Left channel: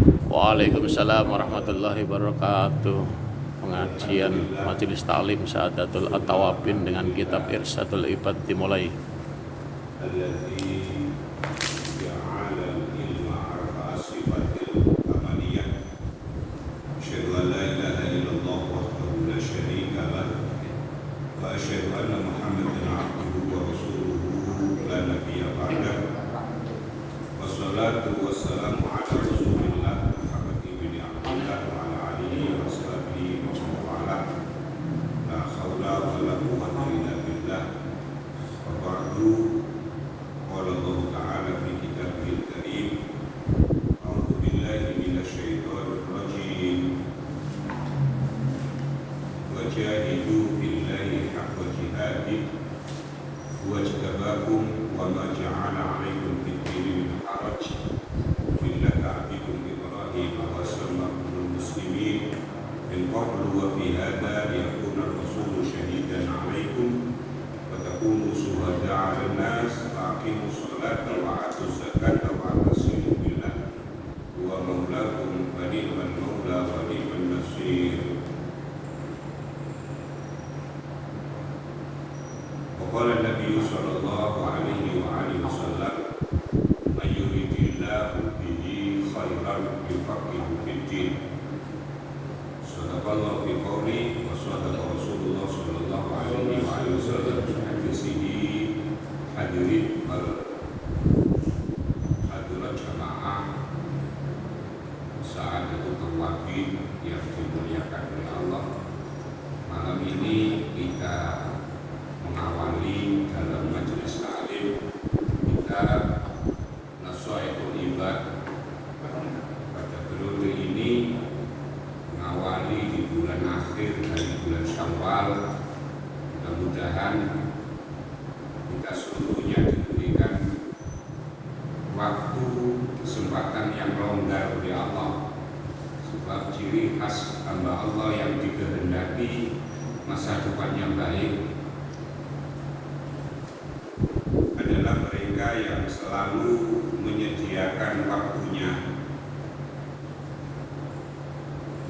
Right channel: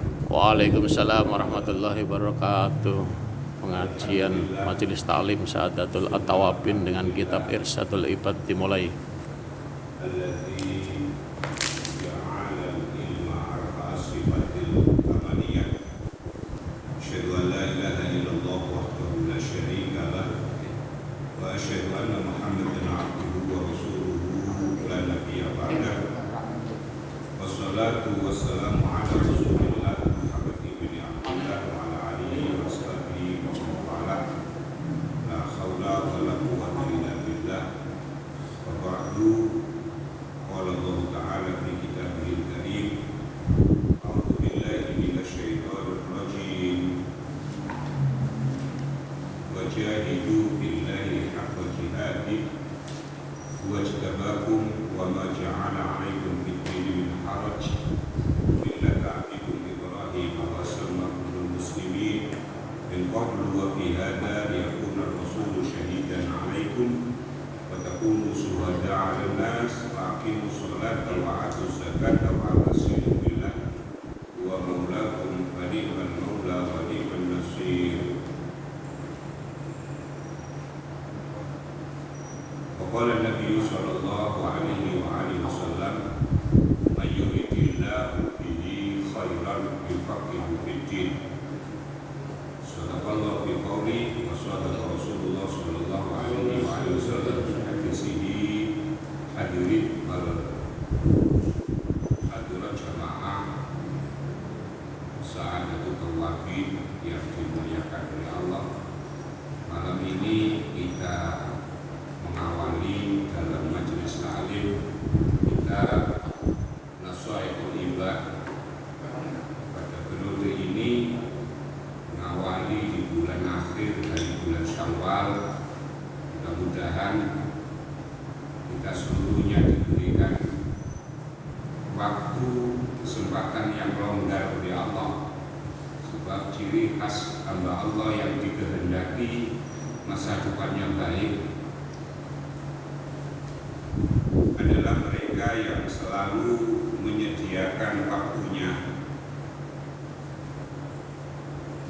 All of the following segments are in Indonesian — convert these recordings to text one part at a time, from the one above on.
Waalaikumsalam warahmatullahi wabarakatuh. Pengajian Majelis Ta'lim Sa'adatul At-Tawabin dengan kitab Irsyadul Ibad dimulai. Wassalamu ala Rasulillah Muhammad ibn Abdullah wa ala alihi wa sahbihi wa man wala. La haula wa la quwwata illa billah. Wa ba'du. Qala Allah Ta'ala fi kitabihil karim. A'udzu billahi minasy syaithanir rajim. Wa jahidu billahi haqqa jihadih. Wa jtabakum wa ma ja'ala 'alaikum fid dini min haraj. من قبل وفي هذا ليكون الرسول شهيدا عليكم وتكونوا شهداء على الناس فأقيموا الصلاة وآتوا الزكاة واعتصموا بالله هو مولاكم فنعم المولى ونعم النصير. وقال النبي صلى الله عليه وآله وسلم من يريد الله به خيرا يفقهه في الدين. Sadaqallahu fi qawli wa sadaqa Rasulullah sallallahu alaihi wasallam fi sini hadirin hadirat jamaah Sa'adatul Tawabin yang dimuliakan oleh Allah. Malam ini kita mengawali dalam majelis ta'lim kita Nashaitul Ibad. Pada periode ini mengawali di bulan akhir dari bulan Syawal, mudah-mudahan kita seluruhnya diberikan waktu kesempatan yang longgar oleh Allah, sebab ciri khas hamba Allah yang dikehendaki masa depan yang baik adalah mereka yang selalu menyediakan waktunya,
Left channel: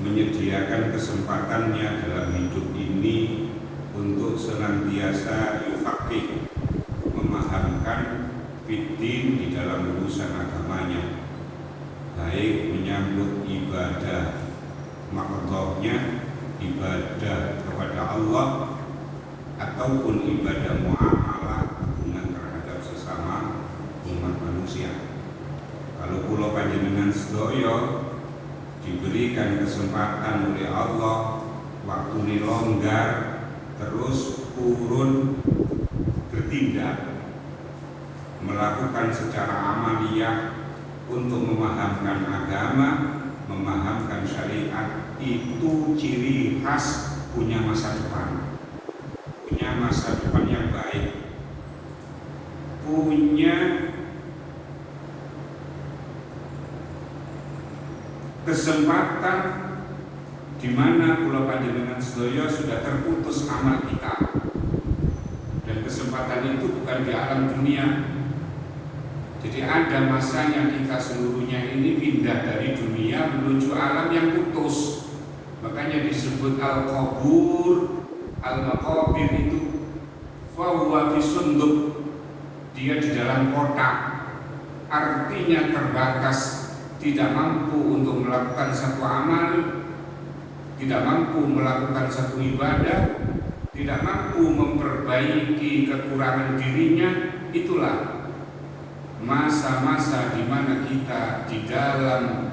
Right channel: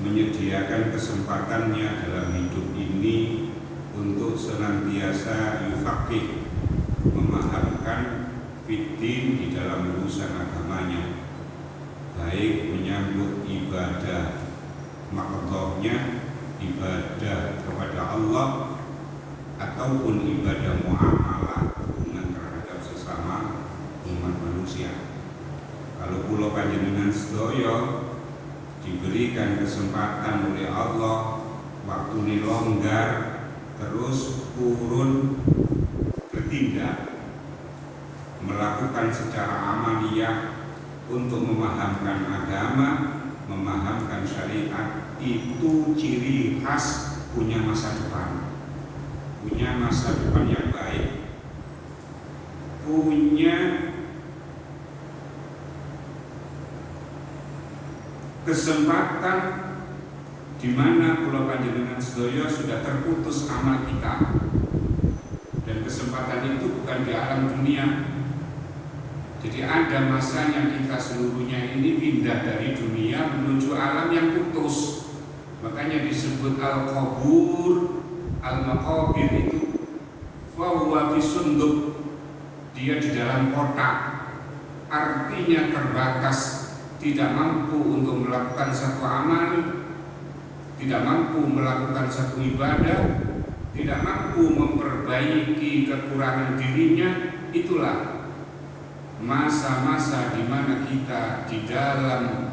menyediakan kesempatannya dalam hidup ini untuk senantiasa yufaqih, memahamkan fiddin di dalam urusan agamanya, baik menyambut ibadah maqdhahnya, ibadah kepada Allah ataupun ibadah muamalah, hubungan terhadap sesama umat manusia. Kalau kula panjenengan sedaya diberikan kesempatan oleh Allah, waktu ini longgar, terus urun bertindak, melakukan secara amaliyah untuk memahamkan agama, memahamkan syariat, itu ciri khas punya masa depan, punya masa depan yang baik, punya kesempatan di mana kula panjenengan sedaya sudah terputus amal kita, dan kesempatan itu bukan di alam dunia. Jadi ada masanya kita seluruhnya ini pindah dari dunia menuju alam yang putus. Makanya disebut al-qabur, al-maqabir itu fahuwa fi sunduk, dia di dalam kotak, artinya terbatas, tidak mampu untuk melakukan satu amal, tidak mampu melakukan satu ibadah, tidak mampu memperbaiki kekurangan dirinya. Itulah masa-masa di mana kita di dalam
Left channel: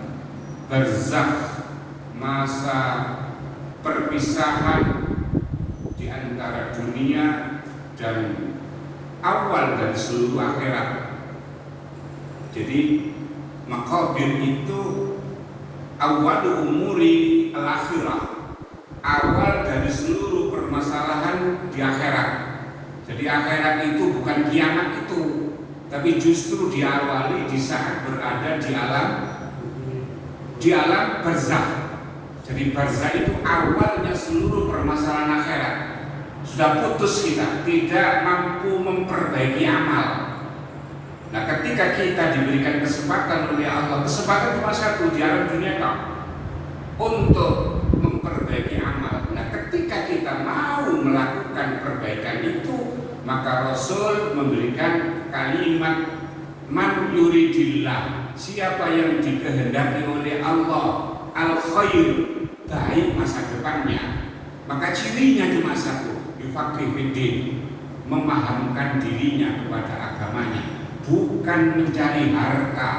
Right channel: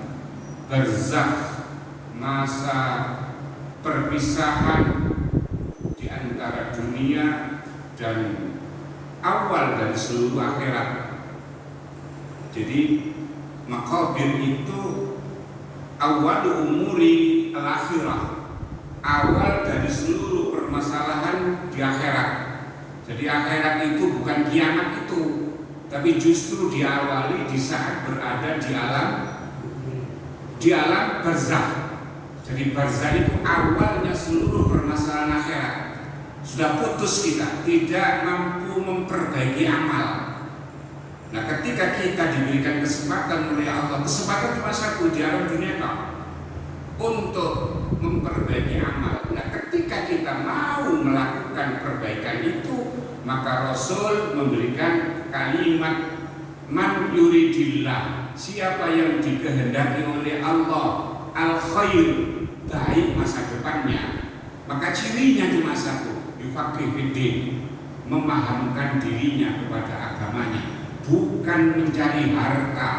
barzakh, masa perpisahan di antara dunia dan awal dari seluruh akhirat. Jadi maqabir itu awal umuri al-akhirah, awal dari seluruh permasalahan di akhirat. Jadi akhirat itu bukan kiamat itu, tapi justru diawali di saat berada di alam barzakh. Jadi barzakh itu awalnya seluruh permasalahan akhirat. Sudah putus kita, tidak mampu memperbaiki amal. Nah, ketika kita diberikan kesempatan oleh Allah kesempatan cuma satu di alam dunia kau untuk memperbaiki amal. Nah, ketika kita mau melakukan perbaikan itu, maka Rasul memberikan kalimat man yuridillah, siapa yang dikehendaki oleh Allah al-khair, baik masa depannya, maka cirinya cuma satu, yufaqihu fiddin, memahamkan dirinya kepada agamanya, bukan mencari harta,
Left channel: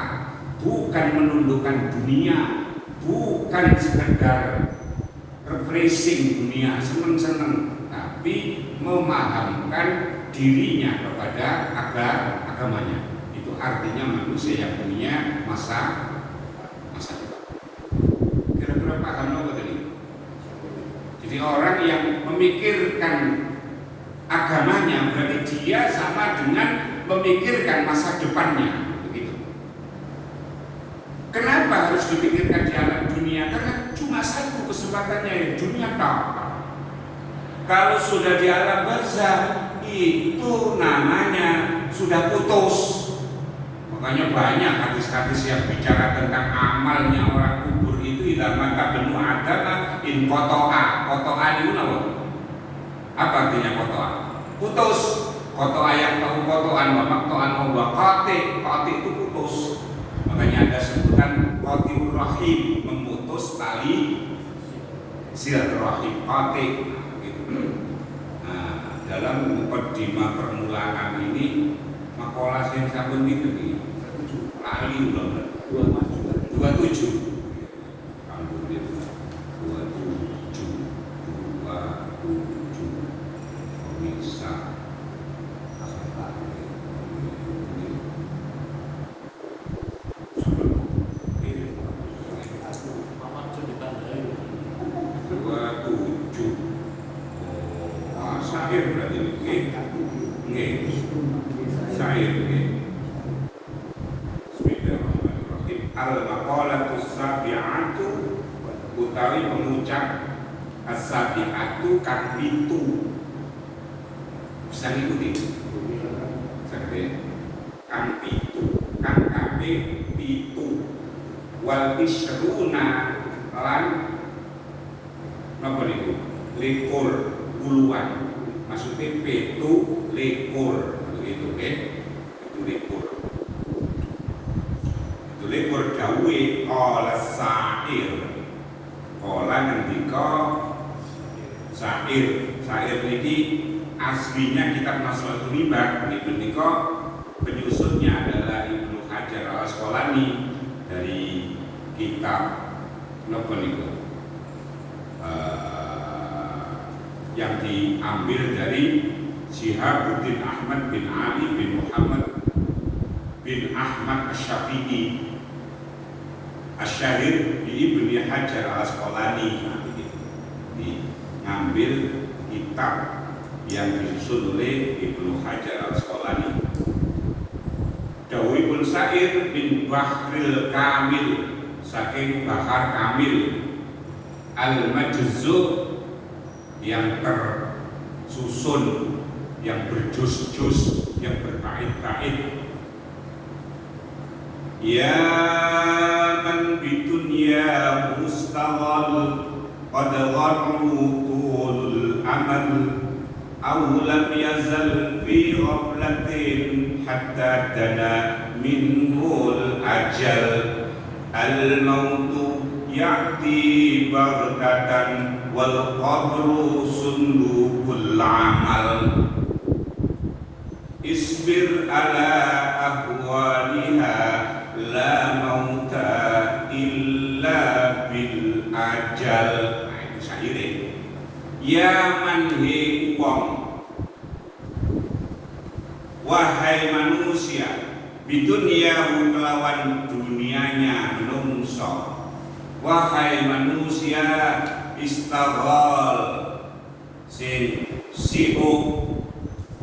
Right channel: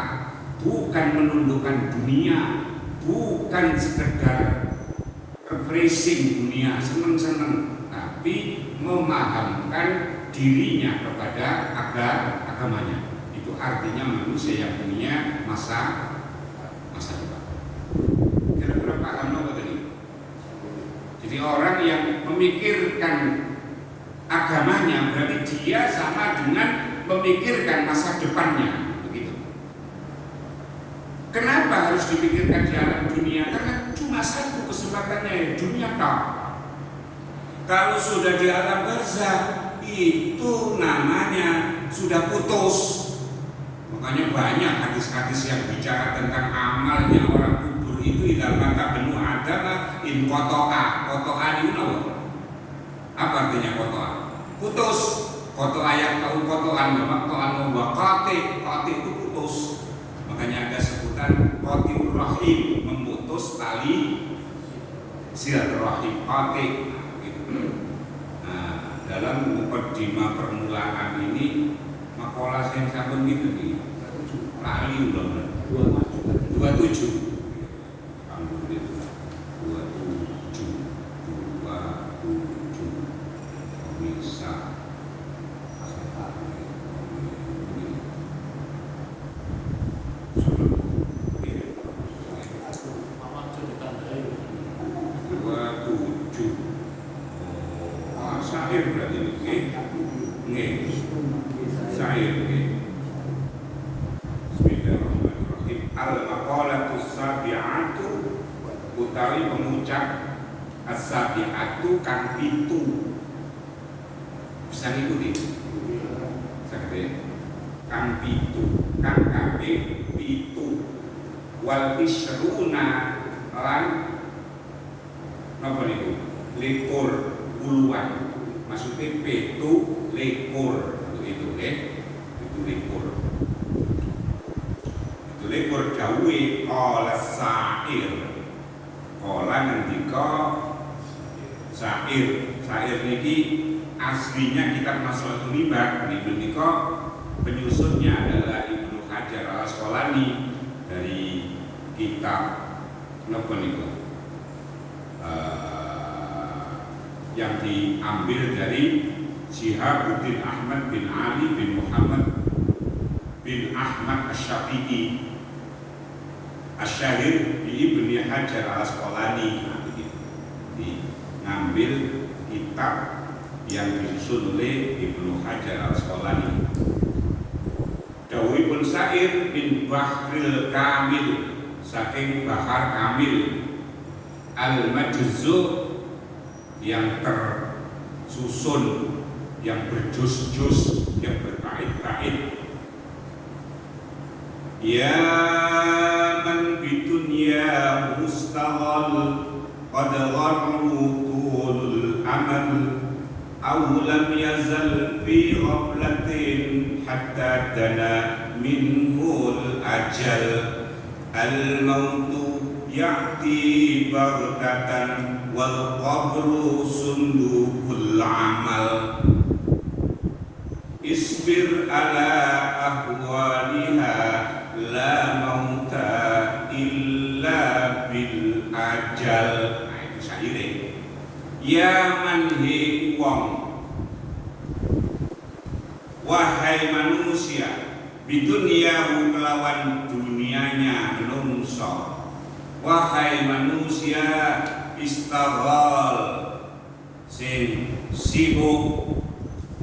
bukan menundukkan dunia, bukan sekedar refreshing dunia, senang-senang, tapi memahamkan dirinya kepada agamanya. Itu artinya manusia yang punya masa depan. Kira-kira paham nggak tadi? Jadi orang yang memikirkan agamanya berarti dia sama dengan memikirkan masa depannya. Begitu. Kenapa harus dipikirkan di alam dunia? Karena cuma satu kesempatannya, dunia kau. Kalau sudah di alam barzakh, itu namanya sudah putus. Makanya banyak hadis-hadis yang bicara tentang amalnya orang kubur itu idza mata benu adam in qata'a itu apa artinya qata'a? Putus. Qata'a yang tahu qata'an wa qati itu putus. Makanya ada sebutan qatirur rahim, memutus tali silaturahim, qati. Nah, dalam mukadimah permulaan ini makalah yang sampun ini kali ulang 27 alhamdulillah 27 bisa sahir berarti sahir. Al-maqalatu sabi'atu utawi mengucap as-sabi'atu kang pitu. Bisa ngikuti? Sakit. Kang pitu, kang kabeh pitu. Wal isruna lan napa niku? Likur puluhan. Maksudnya pitu likur begitu itu likur. Likur dawe qala sa'ir, qala ngendika sa'ir niki aslinya kitab Naslul Ghibah niku nika penyusunnya adalah Ibnu Hajar al-Asqalani dari kitab napa niku yang diambil dari Syihabuddin Ahmad bin Ali bin Muhammad bin Ahmad Asy-Syafi'i Asy-Syahir di Ibnu Hajar al-Asqalani, diambil kitab yang disusun oleh Ibnu Hajar al-Asqalani. Dawibun Sa'ir bin Bahril Kamil, saking Bahar Kamil al-Majzu' yang tersusun, yang berjus-jus, yang berbait-bait. Ya man bidunya mustaghal qad gharrutul amal aw lam yazal fi ghaflatin hatta dana minhul ajal al mautu ya'ti baghtatan wal qabru sundukul amal isbir ala ahwaliha la mauta illa bil ajal. Nah, itu syairnya. Ya man he wong, wahai manusia, bidunyahu kelawan dunianya menungso, wahai manusia istaghal sing sibuk,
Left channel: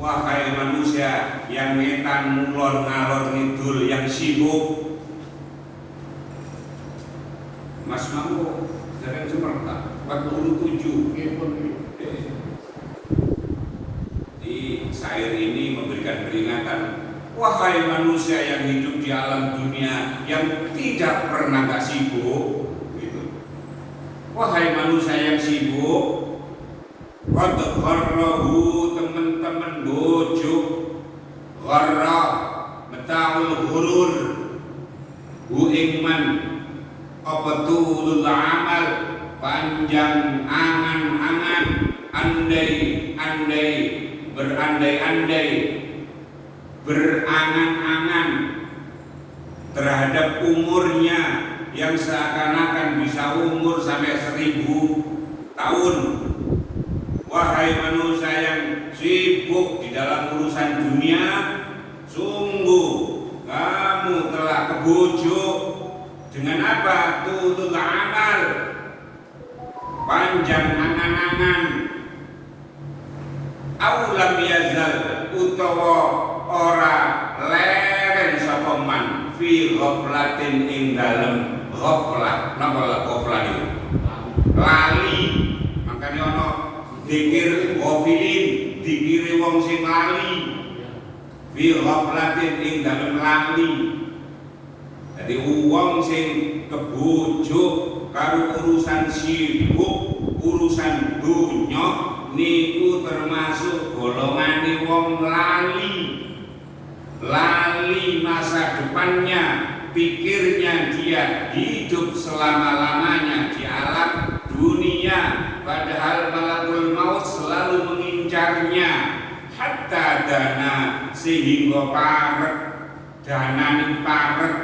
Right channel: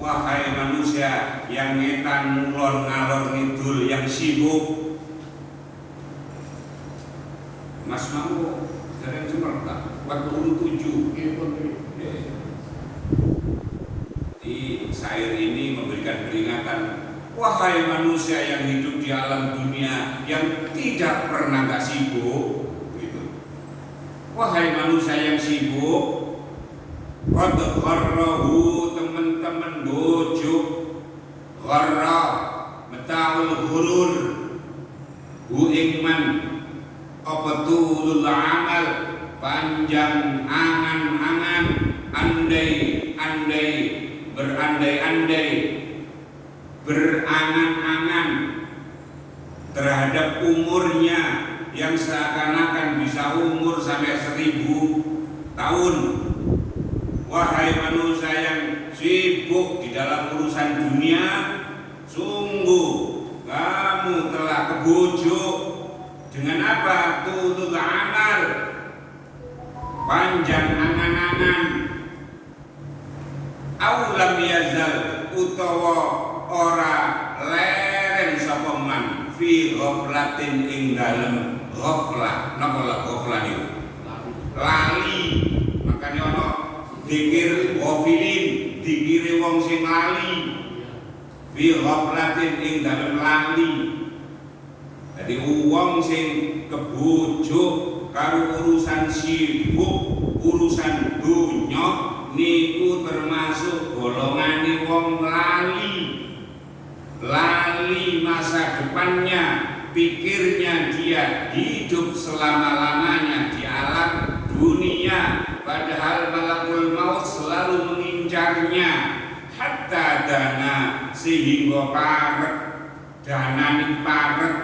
wahai manusia yang ngetan mulon ngalor ngidul yang sibuk. Mas Mangko dari Sumatera 47 di syair ini memberikan peringatan, wahai manusia yang hidup di alam dunia yang tidak pernah nggak sibuk gitu. Wahai manusia yang sibuk, qad gharrahu teman-teman bojo, gharra mataul ghurur, hu ingman abatulul amal, panjang angan-angan, andai-andai, berandai-andai, berangan-angan terhadap umurnya yang seakan-akan bisa umur sampai 1000 tahun. Wahai manusia yang sibuk di dalam urusan dunia, sungguh kamu telah kebujuk dengan apa? Tulul amal, panjang angan-angan. Aulam yazal utawa ora leren sapa man fi ghaflatin ing dalem ghaflah. Napa la ghaflah niku? Lali. Makanya ana dikir ghafilin, dikire wong sing lali. Fi ghaflatin ing dalem lali. Jadi wong sing kebujuk karo urusan sibuk, urusan dunya niku termasuk golongan wong lali. Lali masa depannya, pikirnya dia hidup selama-lamanya di alam dunia, padahal malakul maut selalu mengincarnya. Hatta dana sehingga parek, danani parek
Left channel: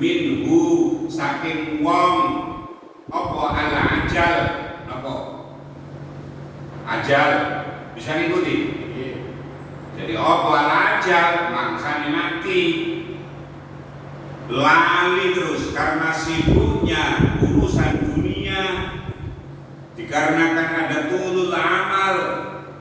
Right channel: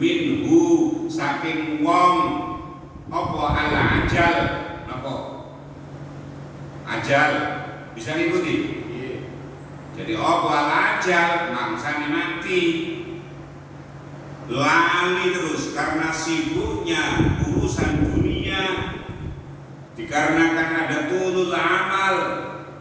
minhu saking wong apa ala ajal, apa ajal bisa ngikuti. Jadi apa ajal mangsane mati, lali terus karena sibuknya urusan dunia, dikarenakan ada tulul amal,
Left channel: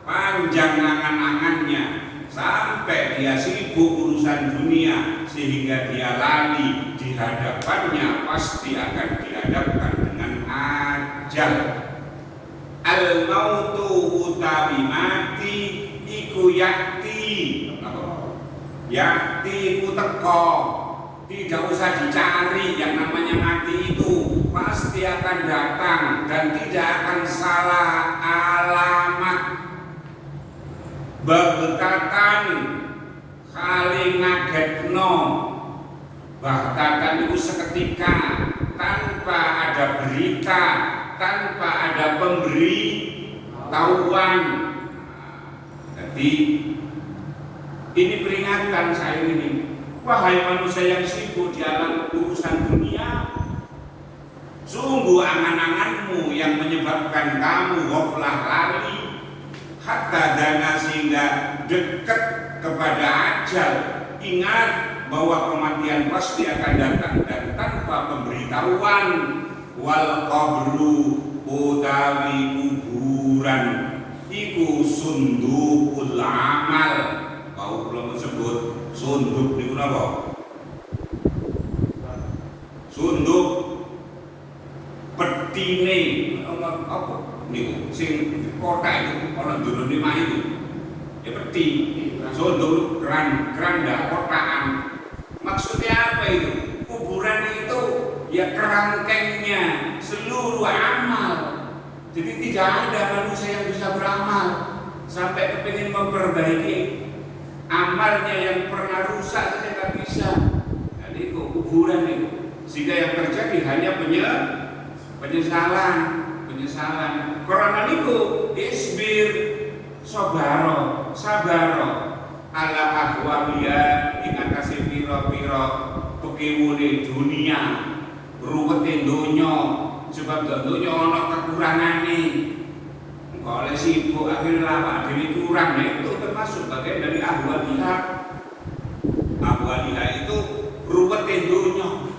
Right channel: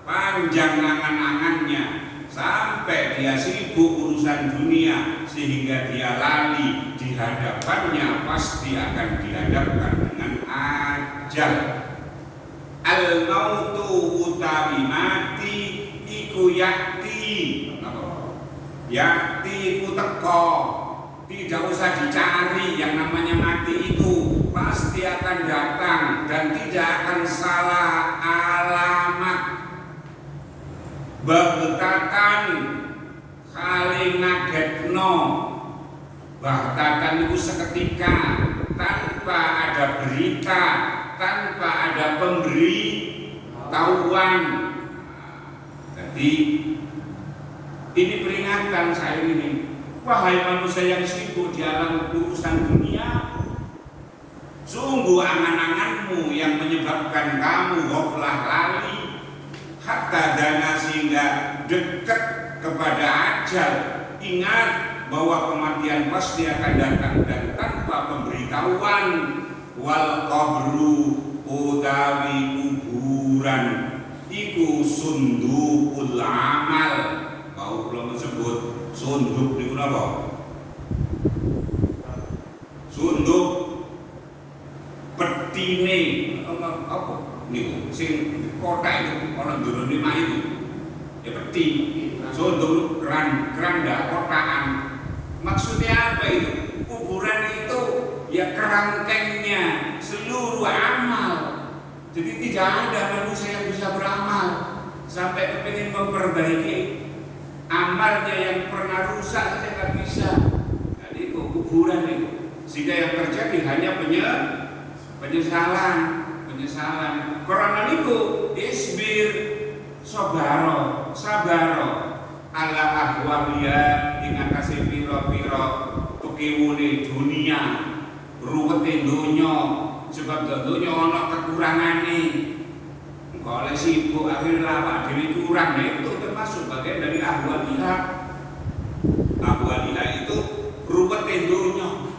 panjang angan-angannya sampai dia sibuk urusan dunia sehingga dia lali di hadapannya pasti akan dihadapkan dengan ajal. Al mautu utawi mati iku yakti, yakti iku teko, tidak usah dicari. Yang namanya mati itu pasti akan datang dan tidak akan salah alamat. Baghtatan kali ngagetno, baghtatan itu seketika tanpa ada berita, tanpa ada pemberitahuan. Jadi ini peringatan saya ini, wahai manusia yang sibuk di alam urusan dunia, sungguh angan-anganmu yang menyebabkan kamu ghaflah lali, hatta dana sehingga dekat kepada ajal. Ingat bahwa kematian pasti akan datang dan tanpa pemberitahuan. Wal qabru utawi kuburan iku sundukul amal. Kau belum disebut sunduk niku napa? Sunduk petine apa niku sing kotak itu ana durune mak itu. Ya peti. Sunduk keranda kotakan. Maksudnya apa itu? Kuburan itu ya kerangkengnya seluruh amal. Jadi tidak ada manusia yang bisa beramal sampai kepingin memperbaiki amalnya yang pernah rusak saja tidak bisa. Jadi itu kuburan itu. Sehingga yang terjadi hanya penyesalan. Karena itu isbir sabaro ala ahwaliya ing atase pira-pira pekiwune dunia, ruwete donya, sebab donya ana kekurangane. Engko oleh sibuk akhir lawak dhewe kurang, ya itu termasuk bagian dari ahwaliya. Ahwaliya itu ruwete donya.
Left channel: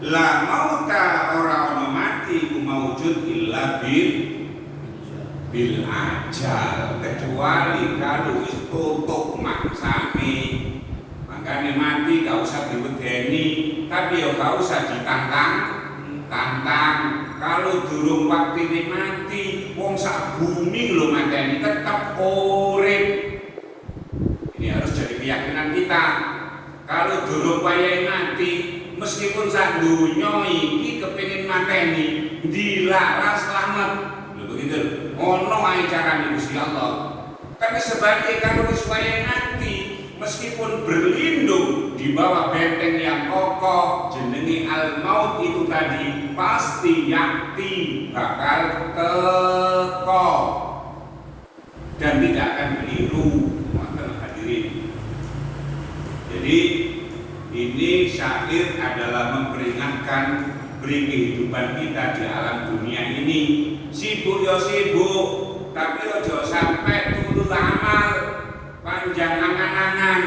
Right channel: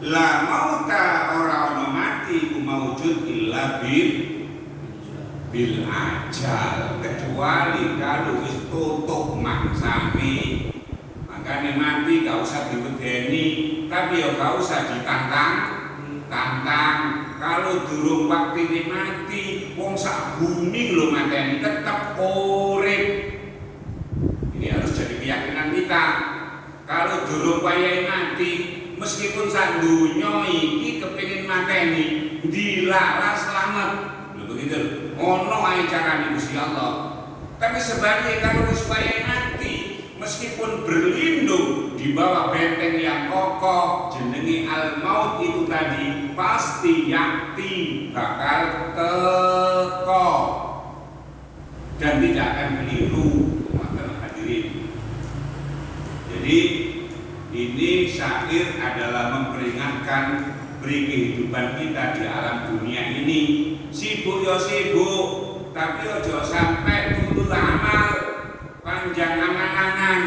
La mauta ora ana mati ku maujud illa bil ajal, kecuali kalau wis tutup maksane. Makanya mati gak usah diwedeni, tapi ya gak usah ditantang. Kalau durung waktine mati, wong sak bumi lho mateni tetep urip. Ini harus jadi keyakinan kita. Kalau durung wayahe mati, Meskipun sak donya iki kepengin mateni, dilarang selamat. Lho begitu. Ono ae carane Gusti Allah. Tapi sebaliknya kalau supaya nanti meskipun berlindung di bawah benteng yang kokoh jenenge al-maut itu tadi pasti yakti bakal teko dan tidak akan keliru. Hadirin. Jadi ini syair adalah memperingatkan kehidupan kita di alam dunia ini. Sibuk ya sibuk, tapi ojo sampai dulu amal panjang angan-angan.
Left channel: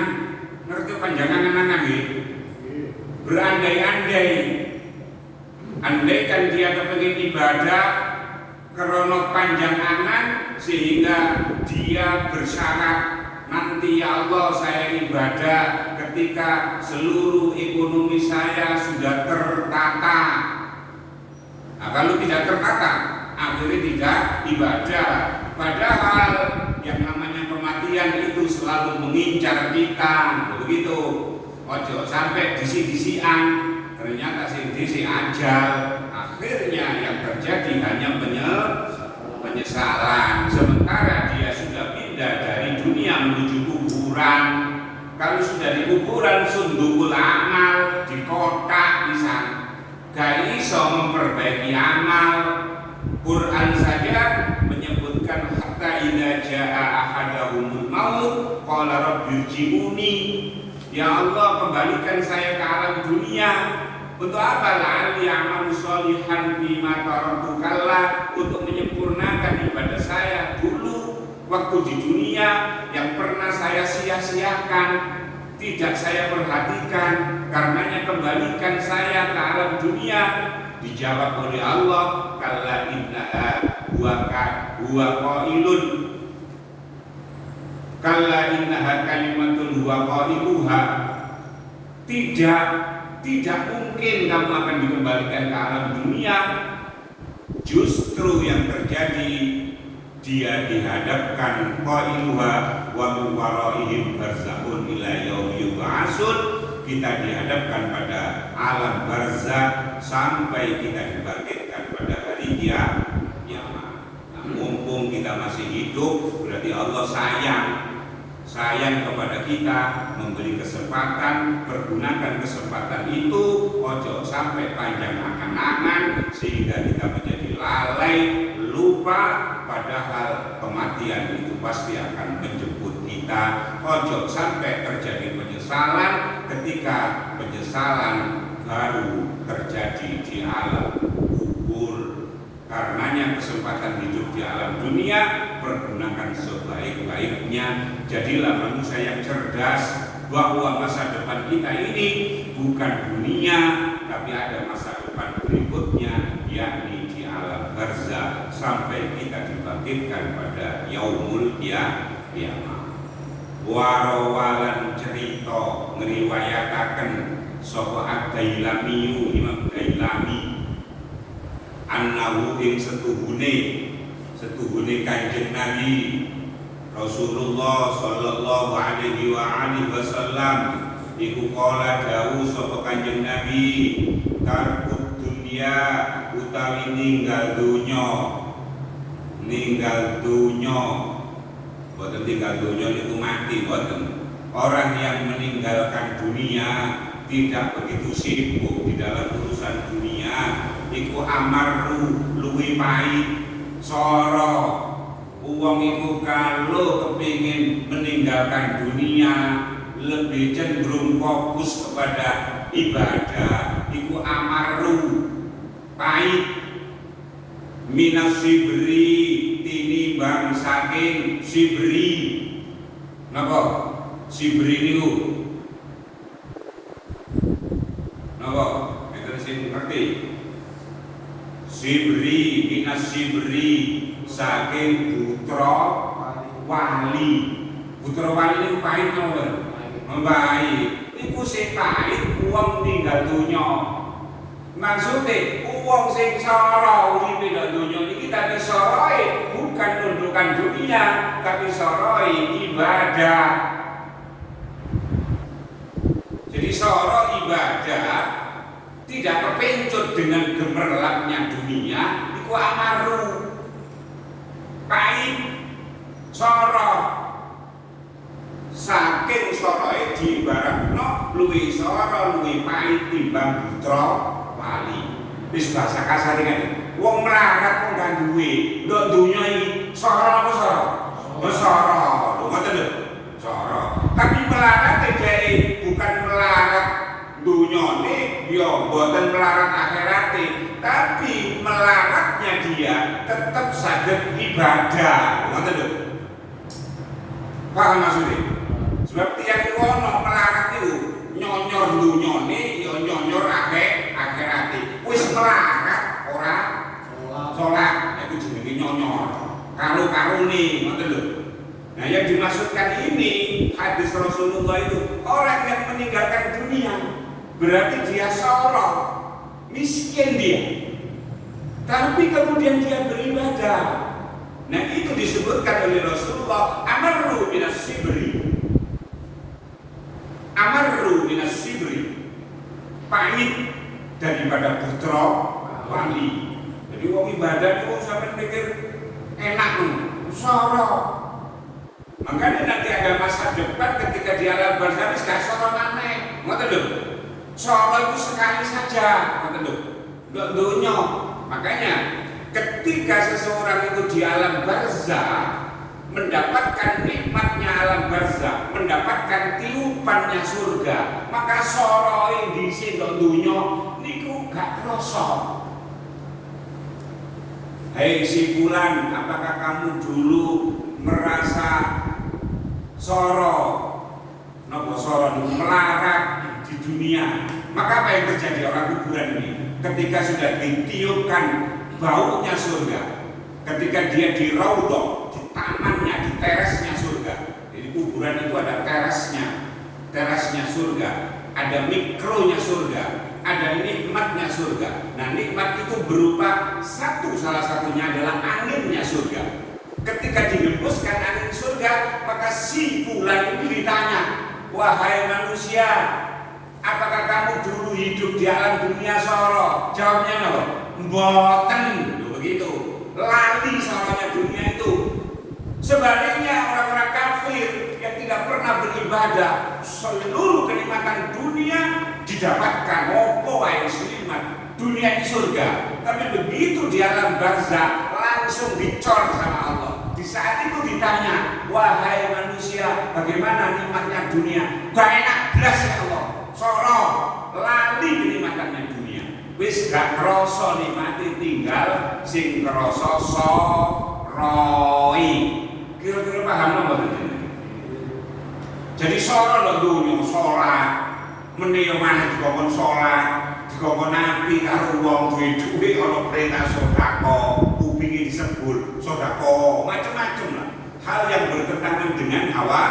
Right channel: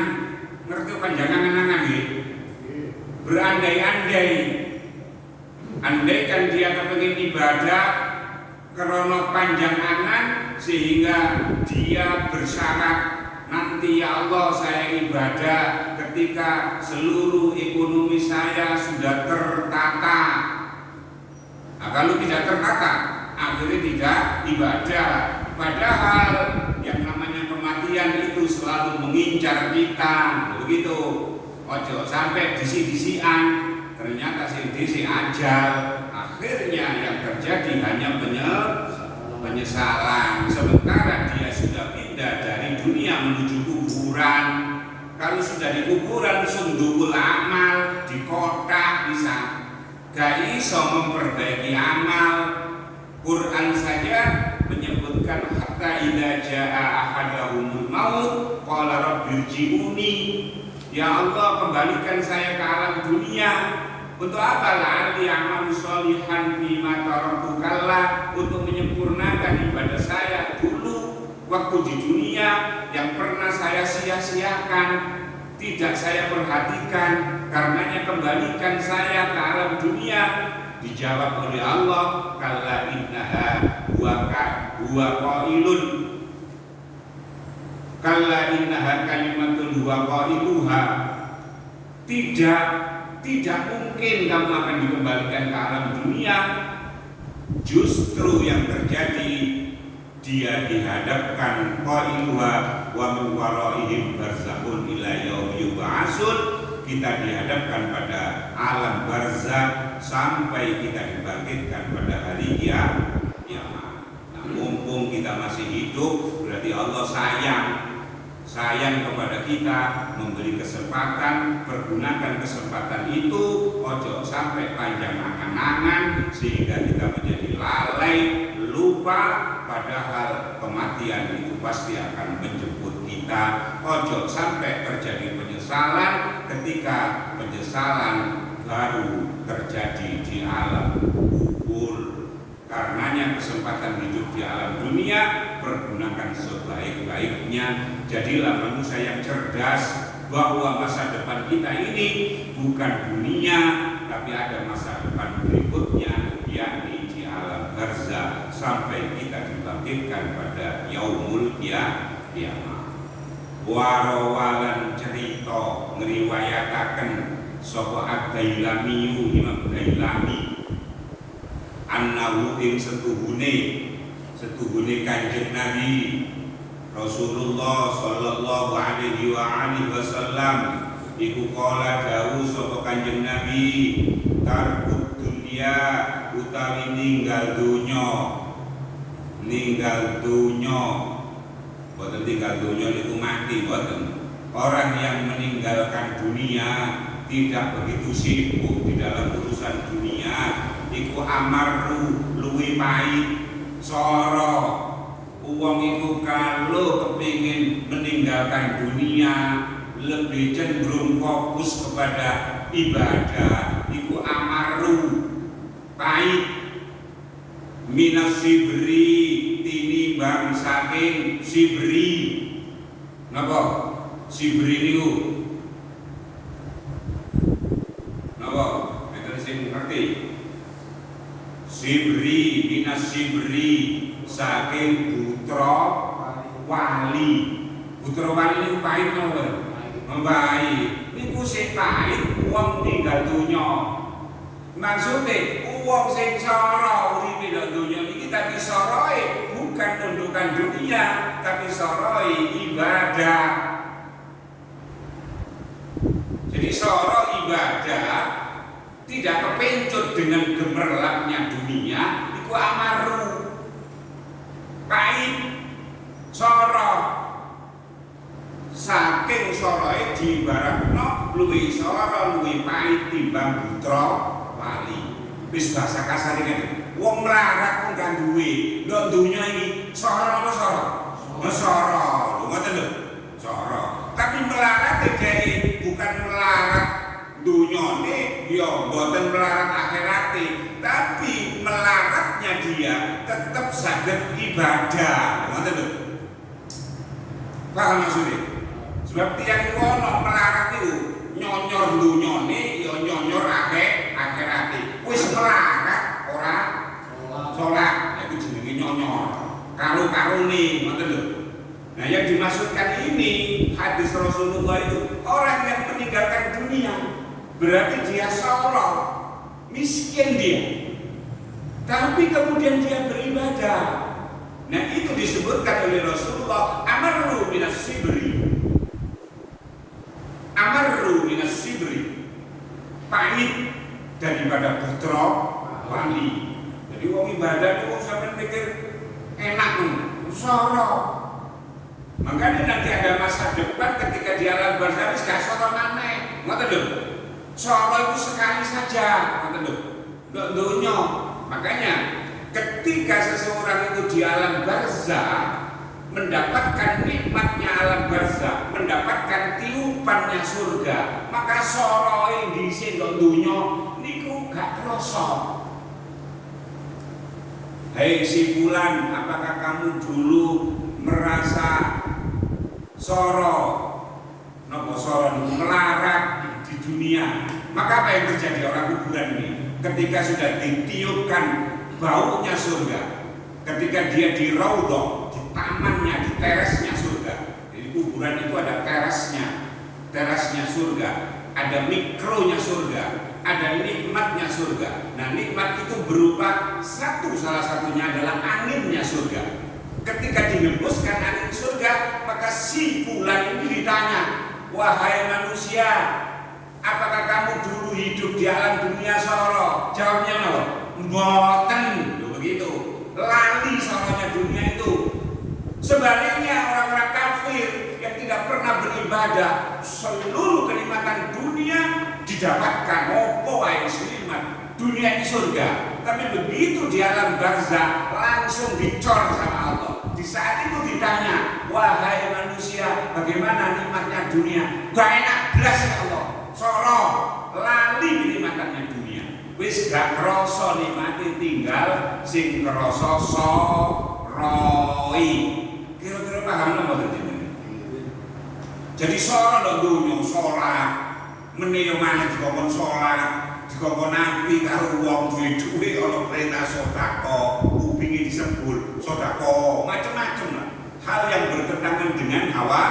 Ngerti panjang angan-angan ya? Berandai-andai. Andaikan dia kepengin ibadah krono panjang angan sehingga dia bersyarat nanti ya Allah saya ibadah ketika seluruh ekonomi saya sudah tertata. Nah, kalau tidak tertata, akhirnya tidak ibadah. Padahal yang namanya kematian itu selalu mengincar kita, begitu. Ojo sampai disi-disian, ternyata disi ajal. Akhirnya yang terjadi hanya penyesalan. Sementara dia sudah pindah dari dunia menuju kuburan. Kalau sudah di kuburan sundukul amal di kotak bisa. Gak iso memperbaiki amal. Quran saja menyebutkan hatta idza jaa ahadahumul maut qala rabbirji'uni. Ya Allah kembalikan saya ke alam dunia. Untuk apa? La'alli a'malu sholihan bima taraktu kalla, untuk menyempurnakan ibadah saya dulu waktu di dunia yang pernah saya sia-siakan, tidak saya perhatikan. Karenanya kembalikan saya ke alam dunia. Dijawab oleh Allah, kalla innaha huwa qailun, kalla innaha kalimatun huwa qailuha. Tidak mungkin kamu akan dikembalikan ke alam dunia. Justru yang terjadi dia dihadapkan qailuha wa min waraihim barzakhun ila yaumi yub'atsun. Kita dihadapkan pada alam barzakh sampai kita dibangkitkan pada hari kiamat. Nah, mumpung kita masih hidup, berarti Allah sayang kepada kita, memberi kesempatan, pergunakan kesempatan itu. Ojo sampai panjang angan-angan sehingga kita menjadi lalai, lupa, padahal kematian itu pasti akan menjemput kita. Ojo sampai terjadi penyesalan ketika penyesalan baru terjadi di alam kubur. Karenanya kesempatan hidup di alam dunia pergunakan sebaik-baiknya. Jadilah manusia yang cerdas, bahwa masa depan kita ini bukan dunia, tapi ada masa depan berikutnya, yakni di alam barzakh sampai kita dibangkitkan pada yaumul kiamat. Warawalan cerita ngriwayataken sapa Ad-Dailami, Imam Dailami, annahu ing setuhune Kanjeng Nabi Rasulullah sallallahu alaihi wasallam iku kala dawuh sapa Kanjeng Nabi, tarkut dunya utawi ninggal dunya. Boten tinggal dunia itu mati, boten. Orang yang meninggalkan dunia tidak begitu sibuk di dalam urusan dunia, iku amaru luwih pahit, soro. Uang itu kalau kepingin meninggalkan dunia lebih cenderung fokus kepada ibadah, iku amaru pahit, minas sibri tinimbang saking sibri. Napa? Sibri niku napa? Enten sing ngerti? Sibri, minas sibri saking putra wali. Putra wali niku pahit napa? Pahit. Iku sing pahit wong tinggal dunya. Maksudnya uang sing sara uripe nang donya iki tapi sarae bukan tundukan dunia, tapi sarae ibadah. Jadi sara ibadah tidak kepencut dengan gemerlapnya dunia, iku amaru, pahit, soro. Saking soroe diibaratno luwih soro luwih pahit timbang putra wali. Wis bahasa kasar iki. Wong melarat kok gak duwe, ndok dunya iki soro apa soro? Soro. Lho ngoten lho. Soro. Tapi melarat dhek bukan melarat dunyane, ya mboten melarat akhirate, tapi melaratnya dia tetap saged ibadah. Ngoten lho. Paham maksudnya? Sebab tiang itu ono melarat itu nyonyor dunyane, ya nyonyor akhirate. Wis melarat ora sholat, itu jenenge nyonyor. Karu-karune ngoten lho. Nah, yang dimaksudkan ini hadis Rasulullah itu orang yang meninggalkan dunia berarti dia sorong, miskin dia, tapi kemudian dia beribadah. Nah, itu disebutkan oleh Rasulullah amaru minas sibri, pahit daripada putra wali. Jadi wong ibadah itu sampai pikir enak tuh, sorong. Makanya nanti ada masa depan ketika di alam barzah gak soro name, ngoten lho. Soro itu sekali saja, ngoten lho. Ndok donya. Makanya ketika seseorang itu di alam barzah mendapatkan nikmatnya alam barzah, mendapatkan tiupannya surga, maka soro di sing donya niku gak krasa. Hei si fulan, apakah kamu dulu merasa soro, nopo soro melarat di dunia? Maka apa yang terjadi orang kuburan ini? Ketika sudah ditiupkan baunya surga, ketika dia di raudhah, di tamannya, di terasnya surga. Jadi kuburan itu ada terasnya surga, ada mikronya surga, ada nikmatnya surga. Nah, nikmat itu berupa salah satunya adalah anginnya surga. Ketika dihembuskan angin surga, maka si fulan ini ditanya, wahai manusia, apakah kamu dulu hidup di alam dunia soro? Jawabnya no, mboten, begitu. Lali soronya dunia itu. Sebaliknya orang-orang kafir yang tidak pernah beribadah, seluruh kenikmatan dunia didapatkan. Opo wae nikmat dunia di surga, tapi begitu di alam barzah langsung dicor sama Allah. Di saat itu ditanya, wahai manusia, bagaimana nikmatnya dunia? Gak enak, belas ya Allah. Soro, lali nikmatnya dunia. Wis gak kroso nikmati, tinggal sing kroso soroi. Kira-kira paham apa itu? Jadi soro lho dunia, sholat, menio maneh dikongkon sholat, dikongkon nabi karo wong duwe-duwe ana perintah sedekah, kupinge disebut sedekah, macam-macam lah. Hal yang bertentangan dengan hawa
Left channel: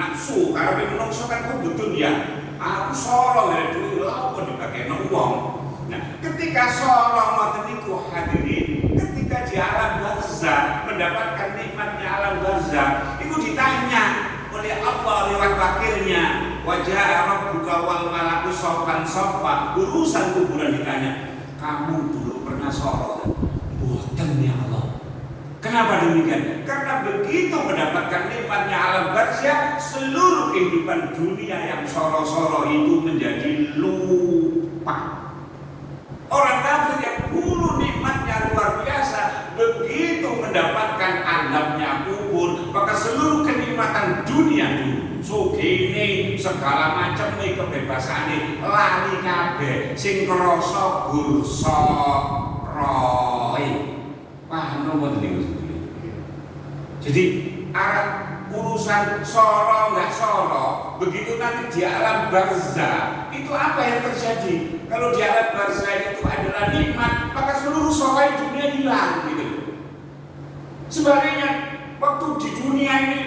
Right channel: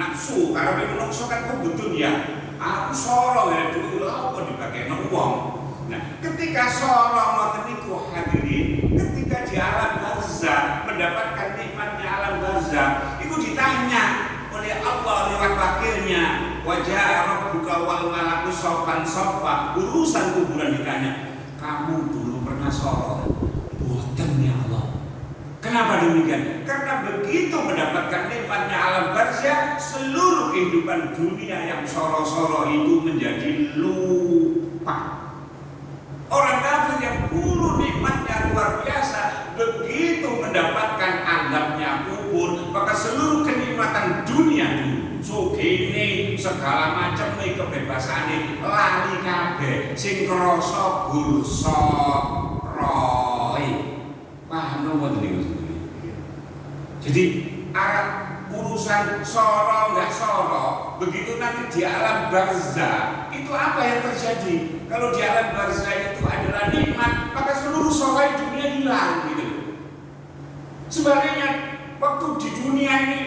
nafsu. Karena menungso kan betul ya. Aku soro dari duwe lha apa dibagekno wong. Nah, ketika soro ngoten niku hadirin, ketika di alam barzah mendapatkan nikmatnya alam barzah, itu ditanya oleh Allah lewat wakilnya, wajah rabbuka wal malaku sopan sofa. Urusan kuburan ditanya, kamu dulu pernah soro? Boten ya Allah. Kenapa demikian? Karena begitu mendapatkan nikmatnya alam barzah, seluruh kehidupan dunia yang soro-soro itu menjadi lupa. Orang kafir yang dulu nikmatnya luar biasa, begitu mendapatkan azabnya kubur, maka seluruh kenikmatan dunia dulu, sugih segala macam nih kebebasan lali kabeh, sing krasa gursa roy. Paham napa niku? Jadi arah urusan soro nggak soro, begitu nanti di alam barzah itu apa yang terjadi? Kalau di alam barzah itu adalah nikmat, maka seluruh soro dunia hilang gitu. Sebaliknya waktu di dunia ini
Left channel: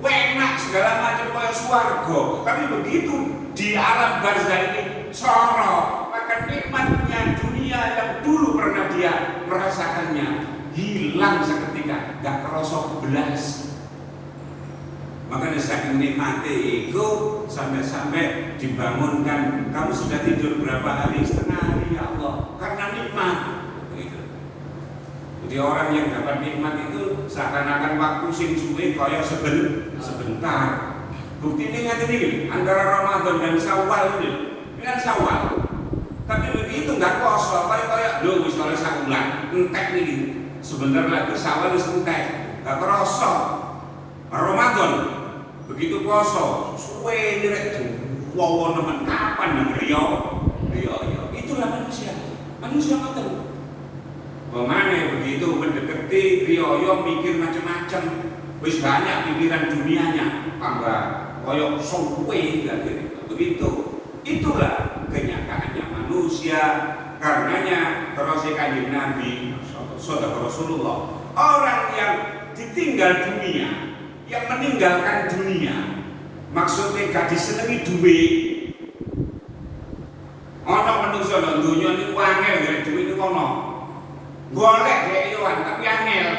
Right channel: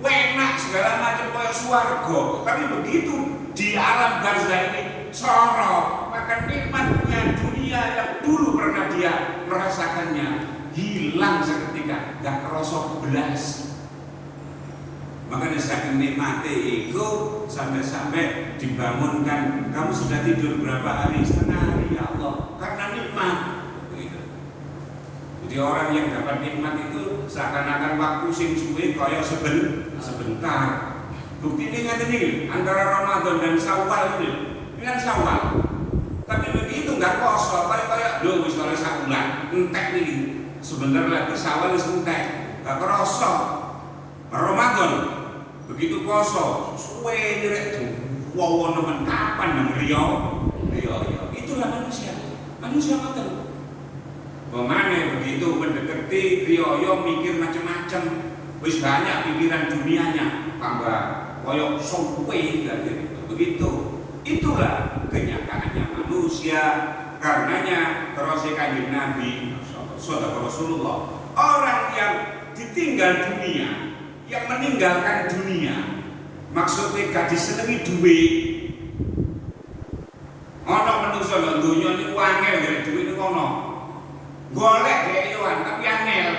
enak segala macam kayak swarga, tapi begitu di alam barzah ini soro, maka nikmatnya dunia yang dulu pernah dia merasakannya hilang seketika, gak kerosok belas. Makanya saking nikmati itu sampai-sampai dibangunkan, kamu sudah tidur berapa hari? Setengah hari. Jadi orang yang dapat nikmat itu seakan-akan waktu sing suwe kaya sebentar. Bukti ini ngaten iki antara Ramadan dan Syawal ini kan Syawal. Tapi begitu nggak kosong, kayak lho wis oleh sak bulan, entek nih. Sebentar lagi Syawal wis entek, nggak kerasa. Ramadan begitu kosong, suwe direk tuh. Wow, teman kapan nang Rio? Itulah manusia betul. Bagaimana begitu mendekati Rio mikir macam-macam, wis banyak pikiran dunianya, tambah koyok suwe begitu. Itulah kenyataannya manusia. Karenanya terus Kanjeng Nabi Sallallahu Rasulullah, orang yang ditinggal dunia, yang meninggalkan dunia, maksudnya gak disenengi duit. Ono manusia lan dunia ini angel dari duit ini ono. Golek dhek iwan tapi angel.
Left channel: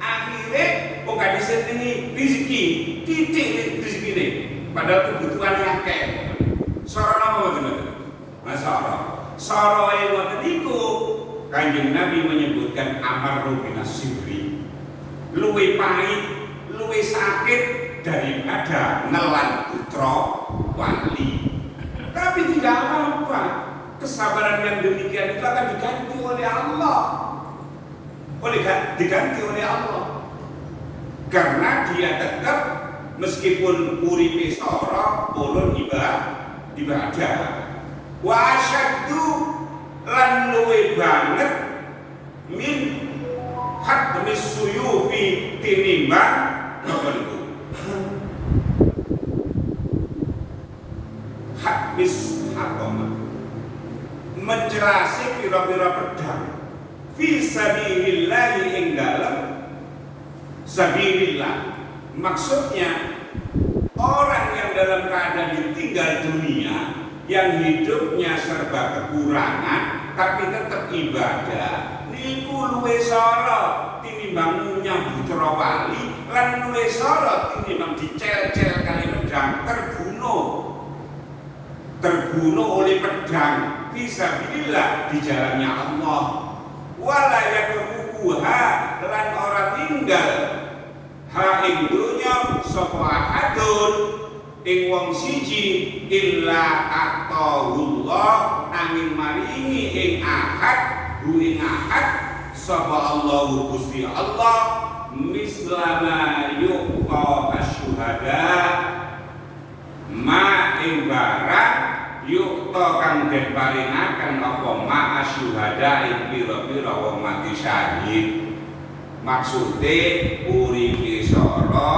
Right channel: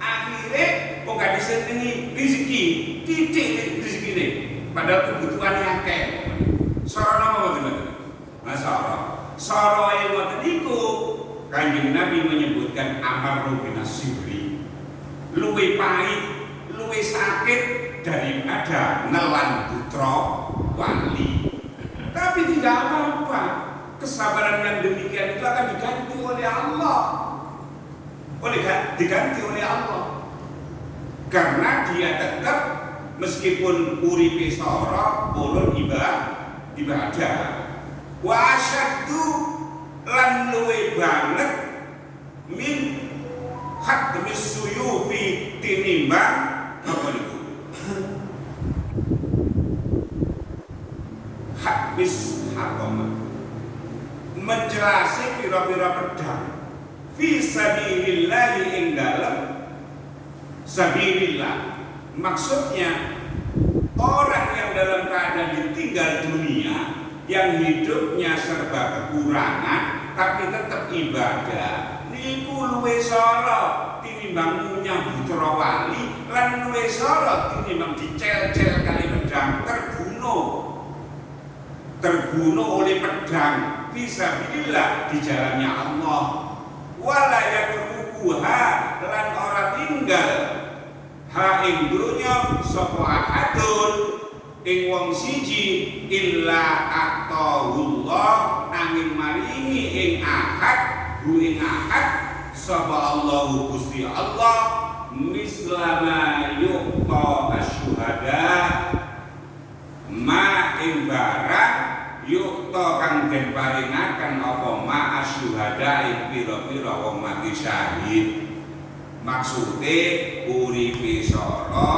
Akhirnya kok gak disenengi rezeki, titik rezekine. Padahal kebutuhannya akeh. Sarana apa Soroe ngoten niku Kanjeng Nabi menyebutkan amaru bin sirri, luwih pahit, luwih sakit daripada nelan putra wali. Tapi tidak apa-apa, kesabaran yang demikian itu akan diganti oleh Allah. Diganti oleh Allah. Karena dia tetap meskipun uripe sora ulun ibadah. Wa asyaddu lan luwe banget min hadmis suyufi tinimbang apa niku? Hadmis hakama menjelasi pira-pira pedang fi sabilillah ing dalam sabilillah. Maksudnya orang yang dalam keadaan ditinggal dunia, yang hidupnya serba kekurangan tapi tetap ibadah, niku luwih sara tinimbang munyah putra wali, lan luwih sara tinimbang dicel-cel kali pedang terbunuh oleh pedang fisabilillah di jalannya Allah. Wala yatrukuha lan ora tinggal ha ing dunya sapa ahadun ing wong siji illa atahullah angin maringi ing ahad sapa Allahu Gusti Allah mislama yuqta asyuhada ma ing barang yuqta kang den paringaken apa ma asyuhada ing pira-pira wong mati syahid. Maksude uripe sara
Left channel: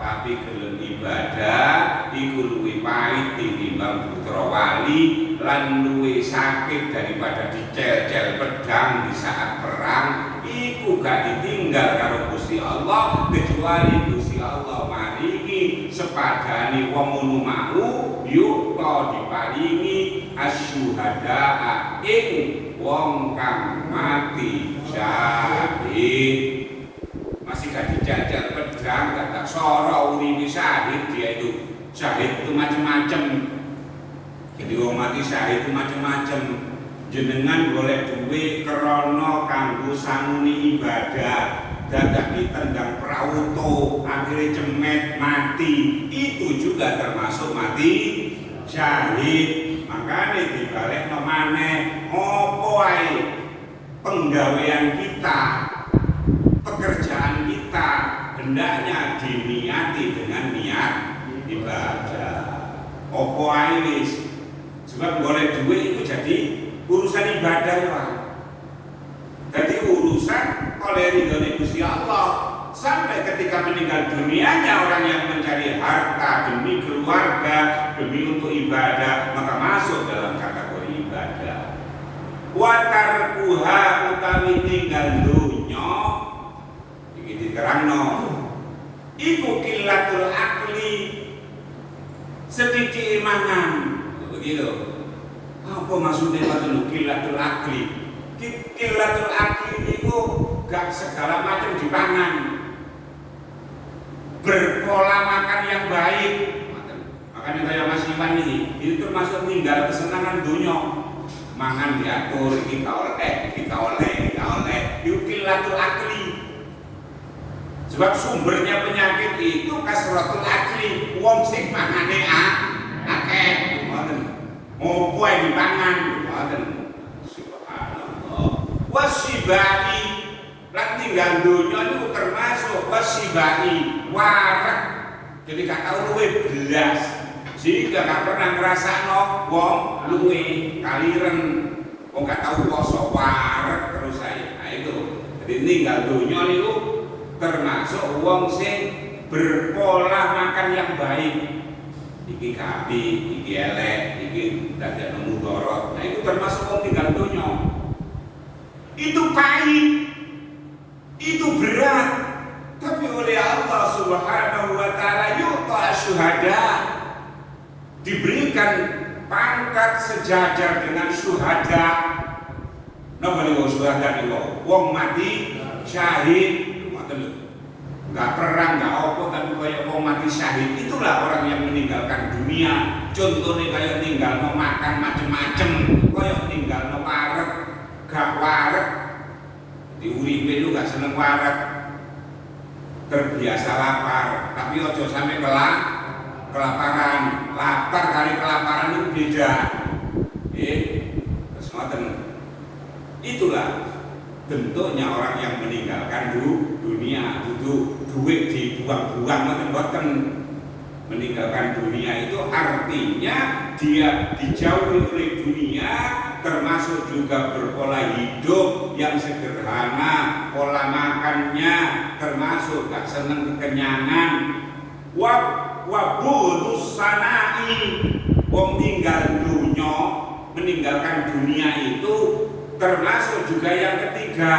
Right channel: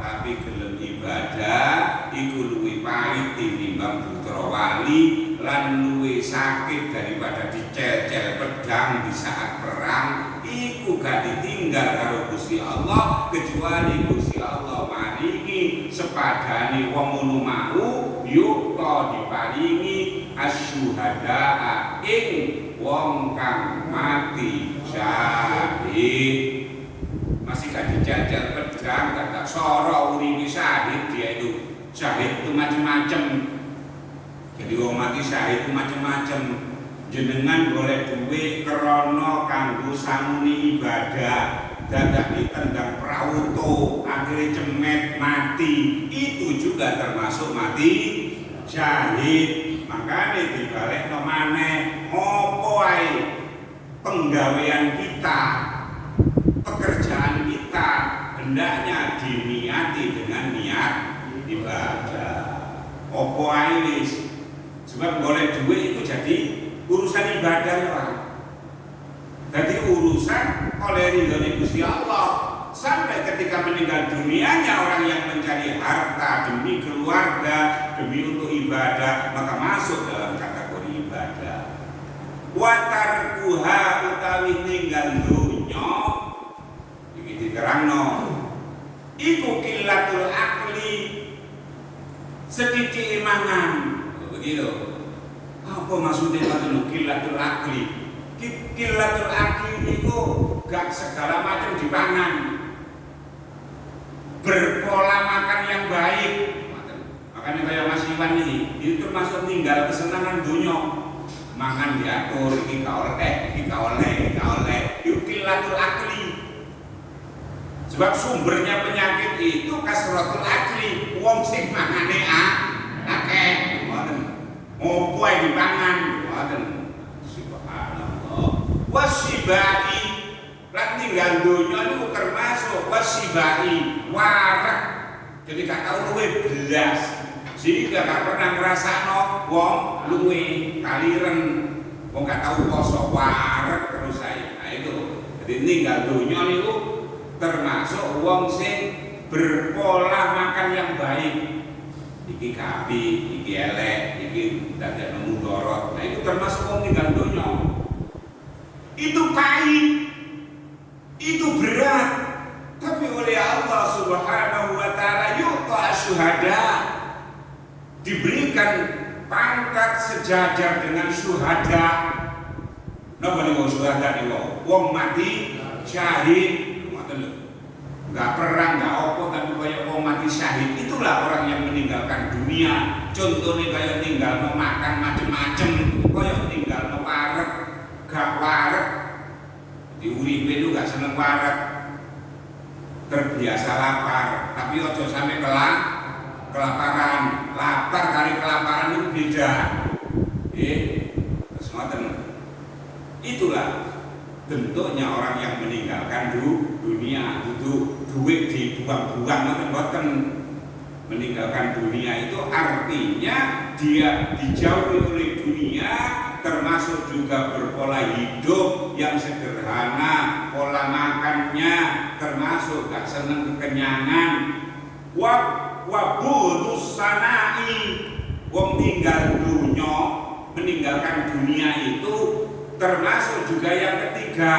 tapi gelem ibadah iku luwih pahit tinimbang putra wali lan luwih sakit daripada dicel-cel pedang di saat perang. Iku gak ditinggal karo Gusti Allah kecuali Gusti Allah maringi sepadane wong ngono mau yukta diparingi asyuhada ing wong kang mati syahid. Masih gak dijajal pedang, gak soro uripe syahid. Dia itu syahid itu macam-macam. Jadi wong mati syahid itu macam-macam. Jenengan golek duit krana kanggo sanguni ibadah, dadak ditendang prauto akhirnya cemet mati, itu juga termasuk mati syahid. Makanya dibalik maneh opo wae penggawean kita, pekerjaan kita hendaknya diniati dengan niat ibadah. Opo ae wis, sebab golek duit itu jadi urusan ibadah lah. Jadi urusan oleh ridhonya Gusti Allah. Sampai ketika meninggal dunianya orang yang mencari harta demi keluarga, demi untuk ibadah, maka masuk dalam kategori ibadah. Watarkuha utawi tinggal dunya iki diterangno iku kilatul akli, sedikit imangan. Begitu. Apa maksudnya waktu kilatul akli? Kilatul akli itu gak segala macam dipangan. Berpola makan yang baik. Makanya saya masih bilang ini itu termasuk tinggal kesenangan dunia. Mangan diatur, kita oleh. Yuk qillatul akli. Sebab sumbernya penyakit itu kasratul akli, wong sing mangane akeh, ngoten. Opo ae dipangan, ngoten. Subhanallah. Wasibai lan tinggal donya niku termasuk wasibai, warak. Jadi gak tau luwe belas. Jika gak pernah ngrasakno wong luwe kaliren, wong gak tau poso warak terus ae. Nah itu. Jadi tinggal donya niku termasuk wong sing berpola makan yang baik. Iki kapi, iki elek, iki dadekno mudorot. Nah itu termasuk wong tinggal donya. Itu pahit, itu berat, tapi oleh Allah Subhanahu wa Ta'ala yu'ta syuhada, diberikan pangkat sejajar dengan syuhada. Napa niku syuhada niku? Wong mati syahid. Nggak perang, nggak apa, tapi kayak mau mati syahid. Itulah orang yang meninggalkan dunia. Contohnya kayak tinggal mau makan macem-macem, kayak tinggal mau parek, gak parek. Di uripe itu gak seneng parek, terbiasa lapar. Tapi ojo sampai kelaparan. Lapar kali kelaparan itu beda. Terus ngoten. Itulah bentuknya orang yang meninggalkan dunia. Itu duit dibuang-buang, ngoten. Meninggalkan dunia itu artinya dia dijauhi oleh dunia, termasuk juga berpola hidup yang sederhana, pola makannya termasuk gak seneng kekenyangan. Wabudus sanai, wong tinggal dunia, meninggalkan dunia itu termasuk juga yang ketiga,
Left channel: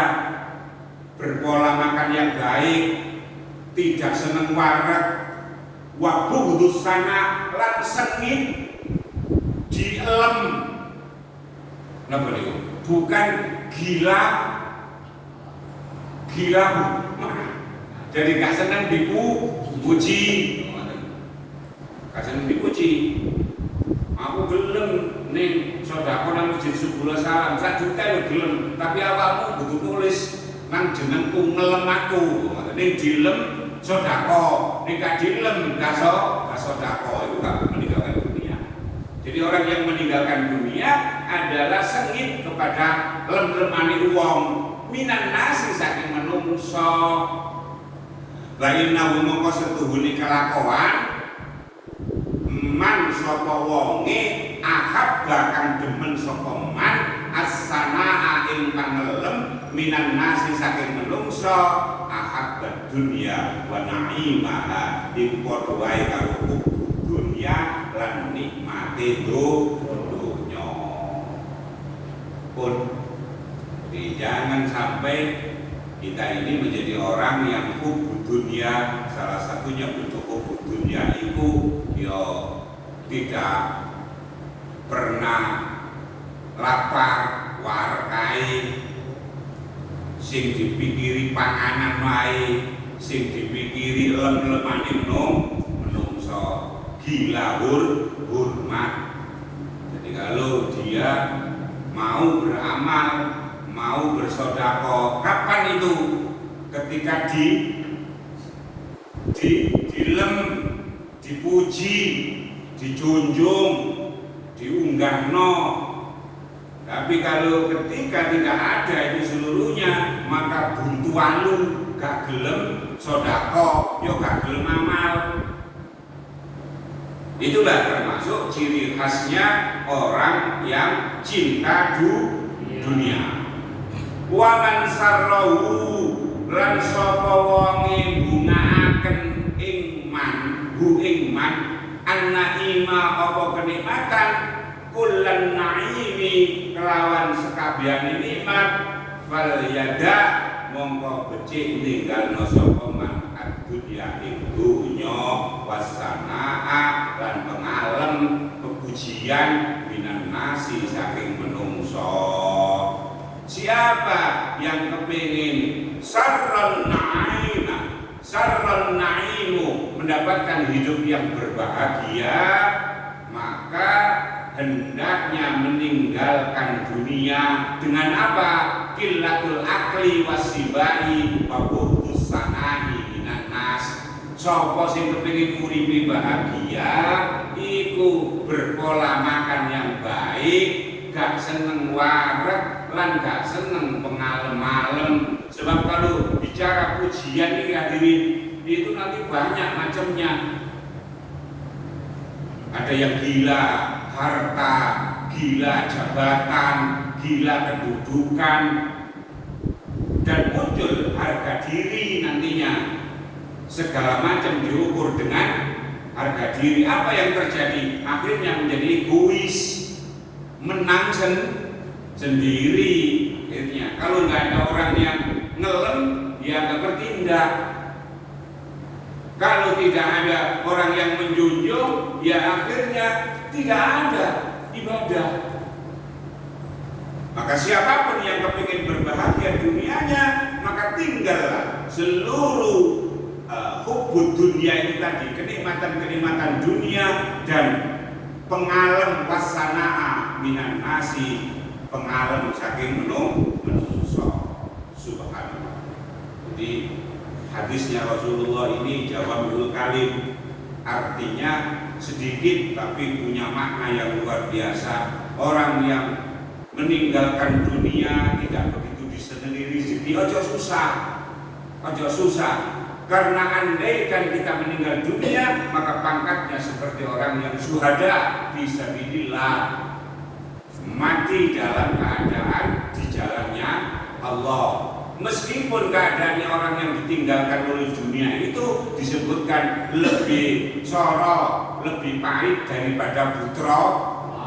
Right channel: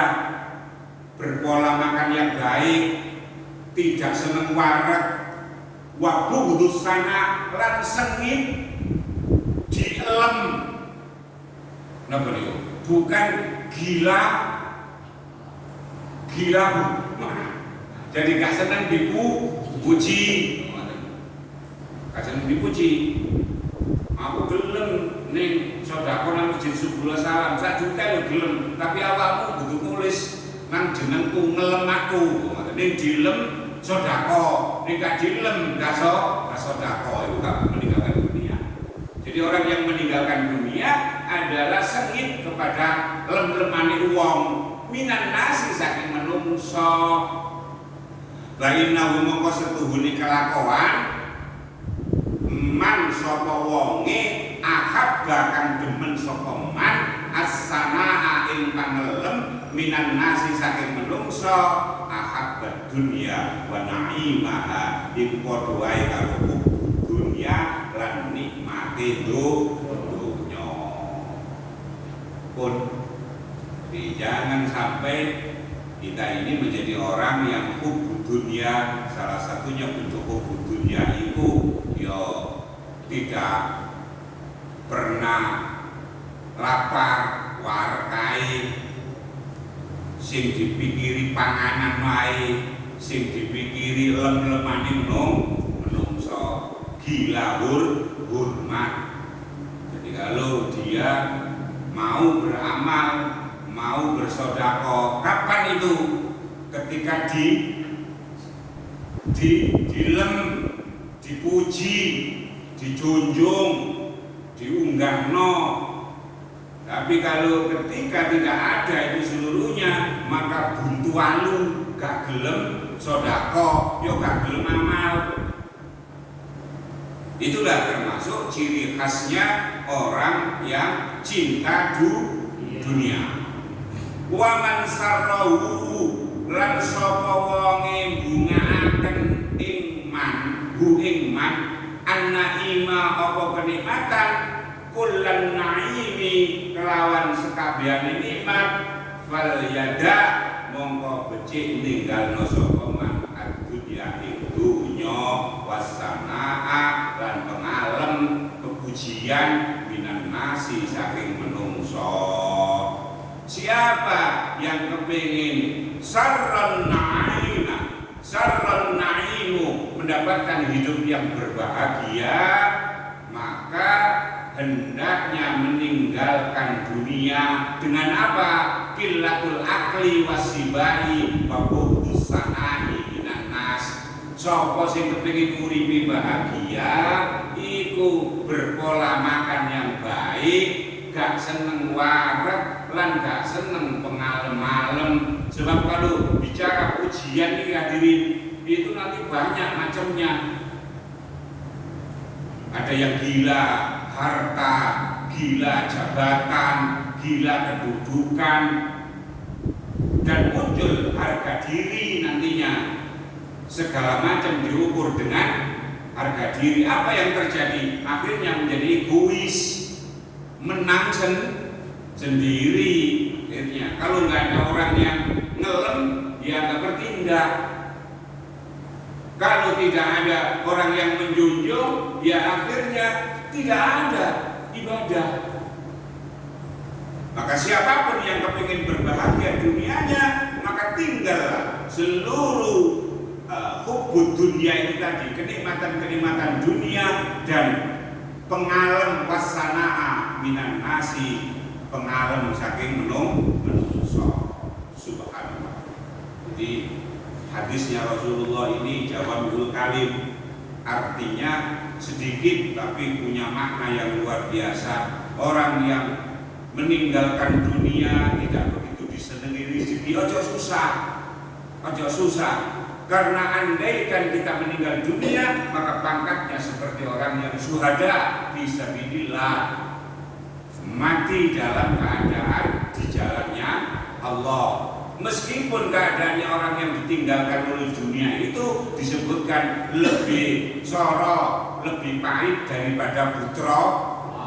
berpola makan yang baik, tidak seneng warak. Wabudus sana lan sengit dielem. Napa niku? Bukan gila mana? Jadi gak seneng dipuji. Gak seneng dipuji. Aku gelem ning sedekah nang masjid Subul Salam 1 juta lho gelem, tapi awakmu kudu nulis nang jenengku ngelem aku. Ning dilem sedekah, ning gak dilem gak sedekah, itu gak meninggalkan dunia. Jadi orang yang meninggalkan dunia adalah sengit kepada lem-lemane wong, minan nasi saking menungso. Baina mongko setuhune kelakuan man sapa wonge ahab bakang demen sapa man as-samaa ing pangelem minan nasi saking menungso ahab dunya wa na'imaha ing padha wae karo dunya lan nikmate dunya. Pun jangan sampai kita ini menjadi orang yang hubbu dunia. Salah satunya bentuk hubbu dunia itu tidak pernah lapar warkai, sing dipikiri panganan wae, sing dipikiri lem-lemane menungso, gila hormat. Jadi kalau dia mau beramal, mau bersedekah, kapan itu? Ketika dilem, dipuji, dijunjung, diunggahno. Tapi kalau ketika tidak ada itu seluruhnya, maka buntu anu, gak gelem sedekah, yo gak gelem amal. Itulah termasuk ciri khasnya orang yang cinta dunia. Wa man sarrahu lan sapa wonge bungaaken ing man anna ima apa kenikmatan kullan naimi kelawan sekabiane nikmat fal yada mongko becik ninggalno sapa man dunya ing dunya wasanaa lan pengalem kepujian minan nasi saking menungso. Siapa yang kepingin sarran na'imu mendapatkan hidup yang berbahagia, maka hendaknya meninggalkan dunia dengan apa? qillatul akli wasibai wa buhdus sanai minan nas. Sapa sing kepengin uripe bahagia iku berpola makan yang baik, gak seneng warak lan gak seneng pengalem-alem. Sebab kalau bicara ujian ini hadirin, itu nanti banyak macamnya. Ada yang gila harta, gila jabatan, gila kedudukan, dan muncul harga diri nantinya. Segala macam diukur dengan harga diri. Apa yang terjadi? Akhirnya menjadi egois, menang sendiri. Akhirnya kalau nggak ada orang yang ngelem, dia nggak bertindak. Kalau tidak ada orang yang menjunjung, ya akhirnya tidak ada ibadah. Maka siapapun yang kepingin berbahagia dunianya, maka tinggallah seluruh hubbud dunia itu tadi, kenikmatan-kenikmatan dunia dan pengalem wasana'a minan nasi, pengalem saking menungso. Subhanallah. Jadi hadisnya Rasulullah ini jawamiul kalim, artinya sedikit tapi punya makna yang luar biasa. Orang yang meninggalkan dunia tidak begitu disenangi rezeki, ojo susah. Karena andaikan kita meninggal dunia, maka pangkatnya seperti orang yang syuhada fisabilillah, mati dalam keadaan di jalannya Allah. Meskipun keadaannya orang yang ditinggalkan oleh dunia itu disebutkan lebih sorok, lebih pahit daripada putra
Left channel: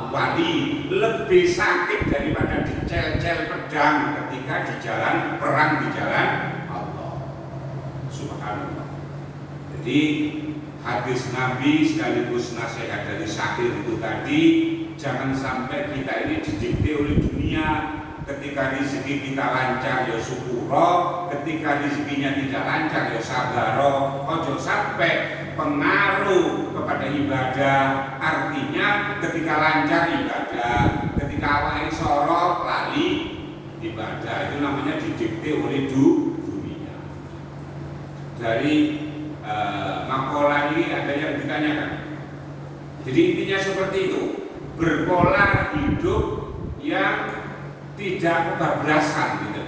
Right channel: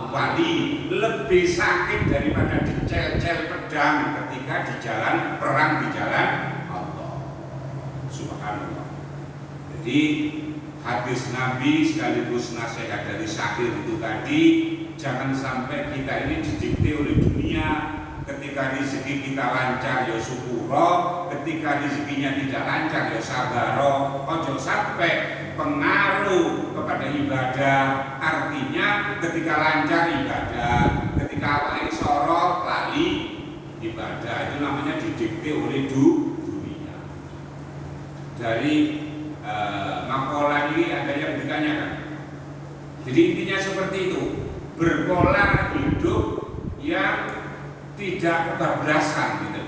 wali, lebih sakit daripada dicel-cel pedang ketika di jalan perang di jalan Allah. Subhanallah. Jadi hadis Nabi sekaligus nasihat dari Syakir itu tadi, jangan sampai kita ini didikte oleh dunia. Ketika rezeki kita lancar ya syukuro, ketika rezekinya tidak lancar ya sabaro. Ojo sampai pengaruh kepada ibadah. Artinya ketika lancar ibadah, ketika awal sorot lali ibadah, itu namanya didikte oleh dunia. Dari makalah ini adanya pendidikannya kan. Jadi intinya seperti itu, berpola hidup yang tidak kebablasan gitu.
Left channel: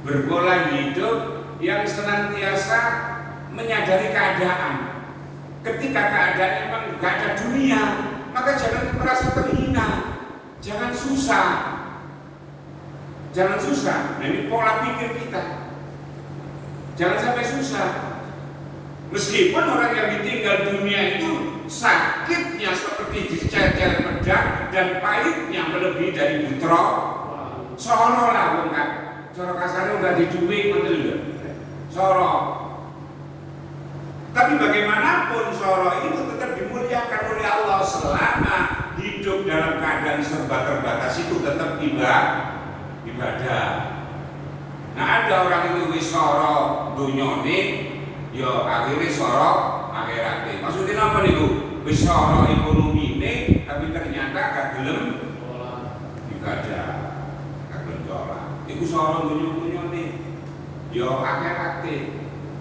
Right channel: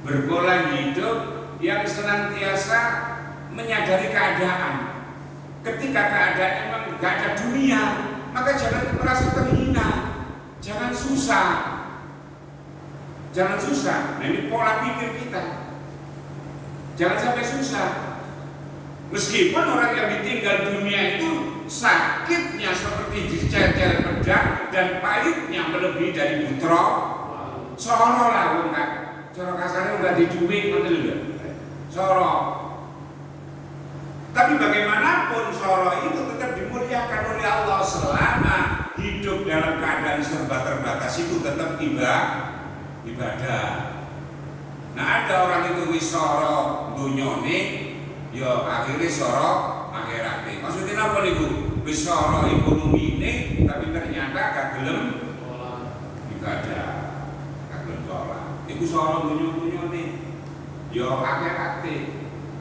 Berpola hidup yang senantiasa menyadari keadaan. Ketika keadaan memang gak ada dunia, maka jangan merasa terhina, jangan susah. Nah, ini pola pikir kita. Jangan sampai susah. Meskipun orang yang ditinggal dunia itu sakitnya seperti dicel-cel pedang dan pahitnya melebihi dari putra. Soro lah kan, soro kasarnya udah diculik betul juga. Soro. Tapi bagaimanapun soro itu tetap dimuliakan oleh Allah selama hidup dalam keadaan serba terbatas itu tetap ibadah. Nah ada orang itu wis soro dunyone, yo akhirnya soro akhiratnya. Maksudnya apa nih bu? Wis soro ekonomine, tapi ternyata gak gelem ibadah. Iku soal dunia nih, yo akhiratnya.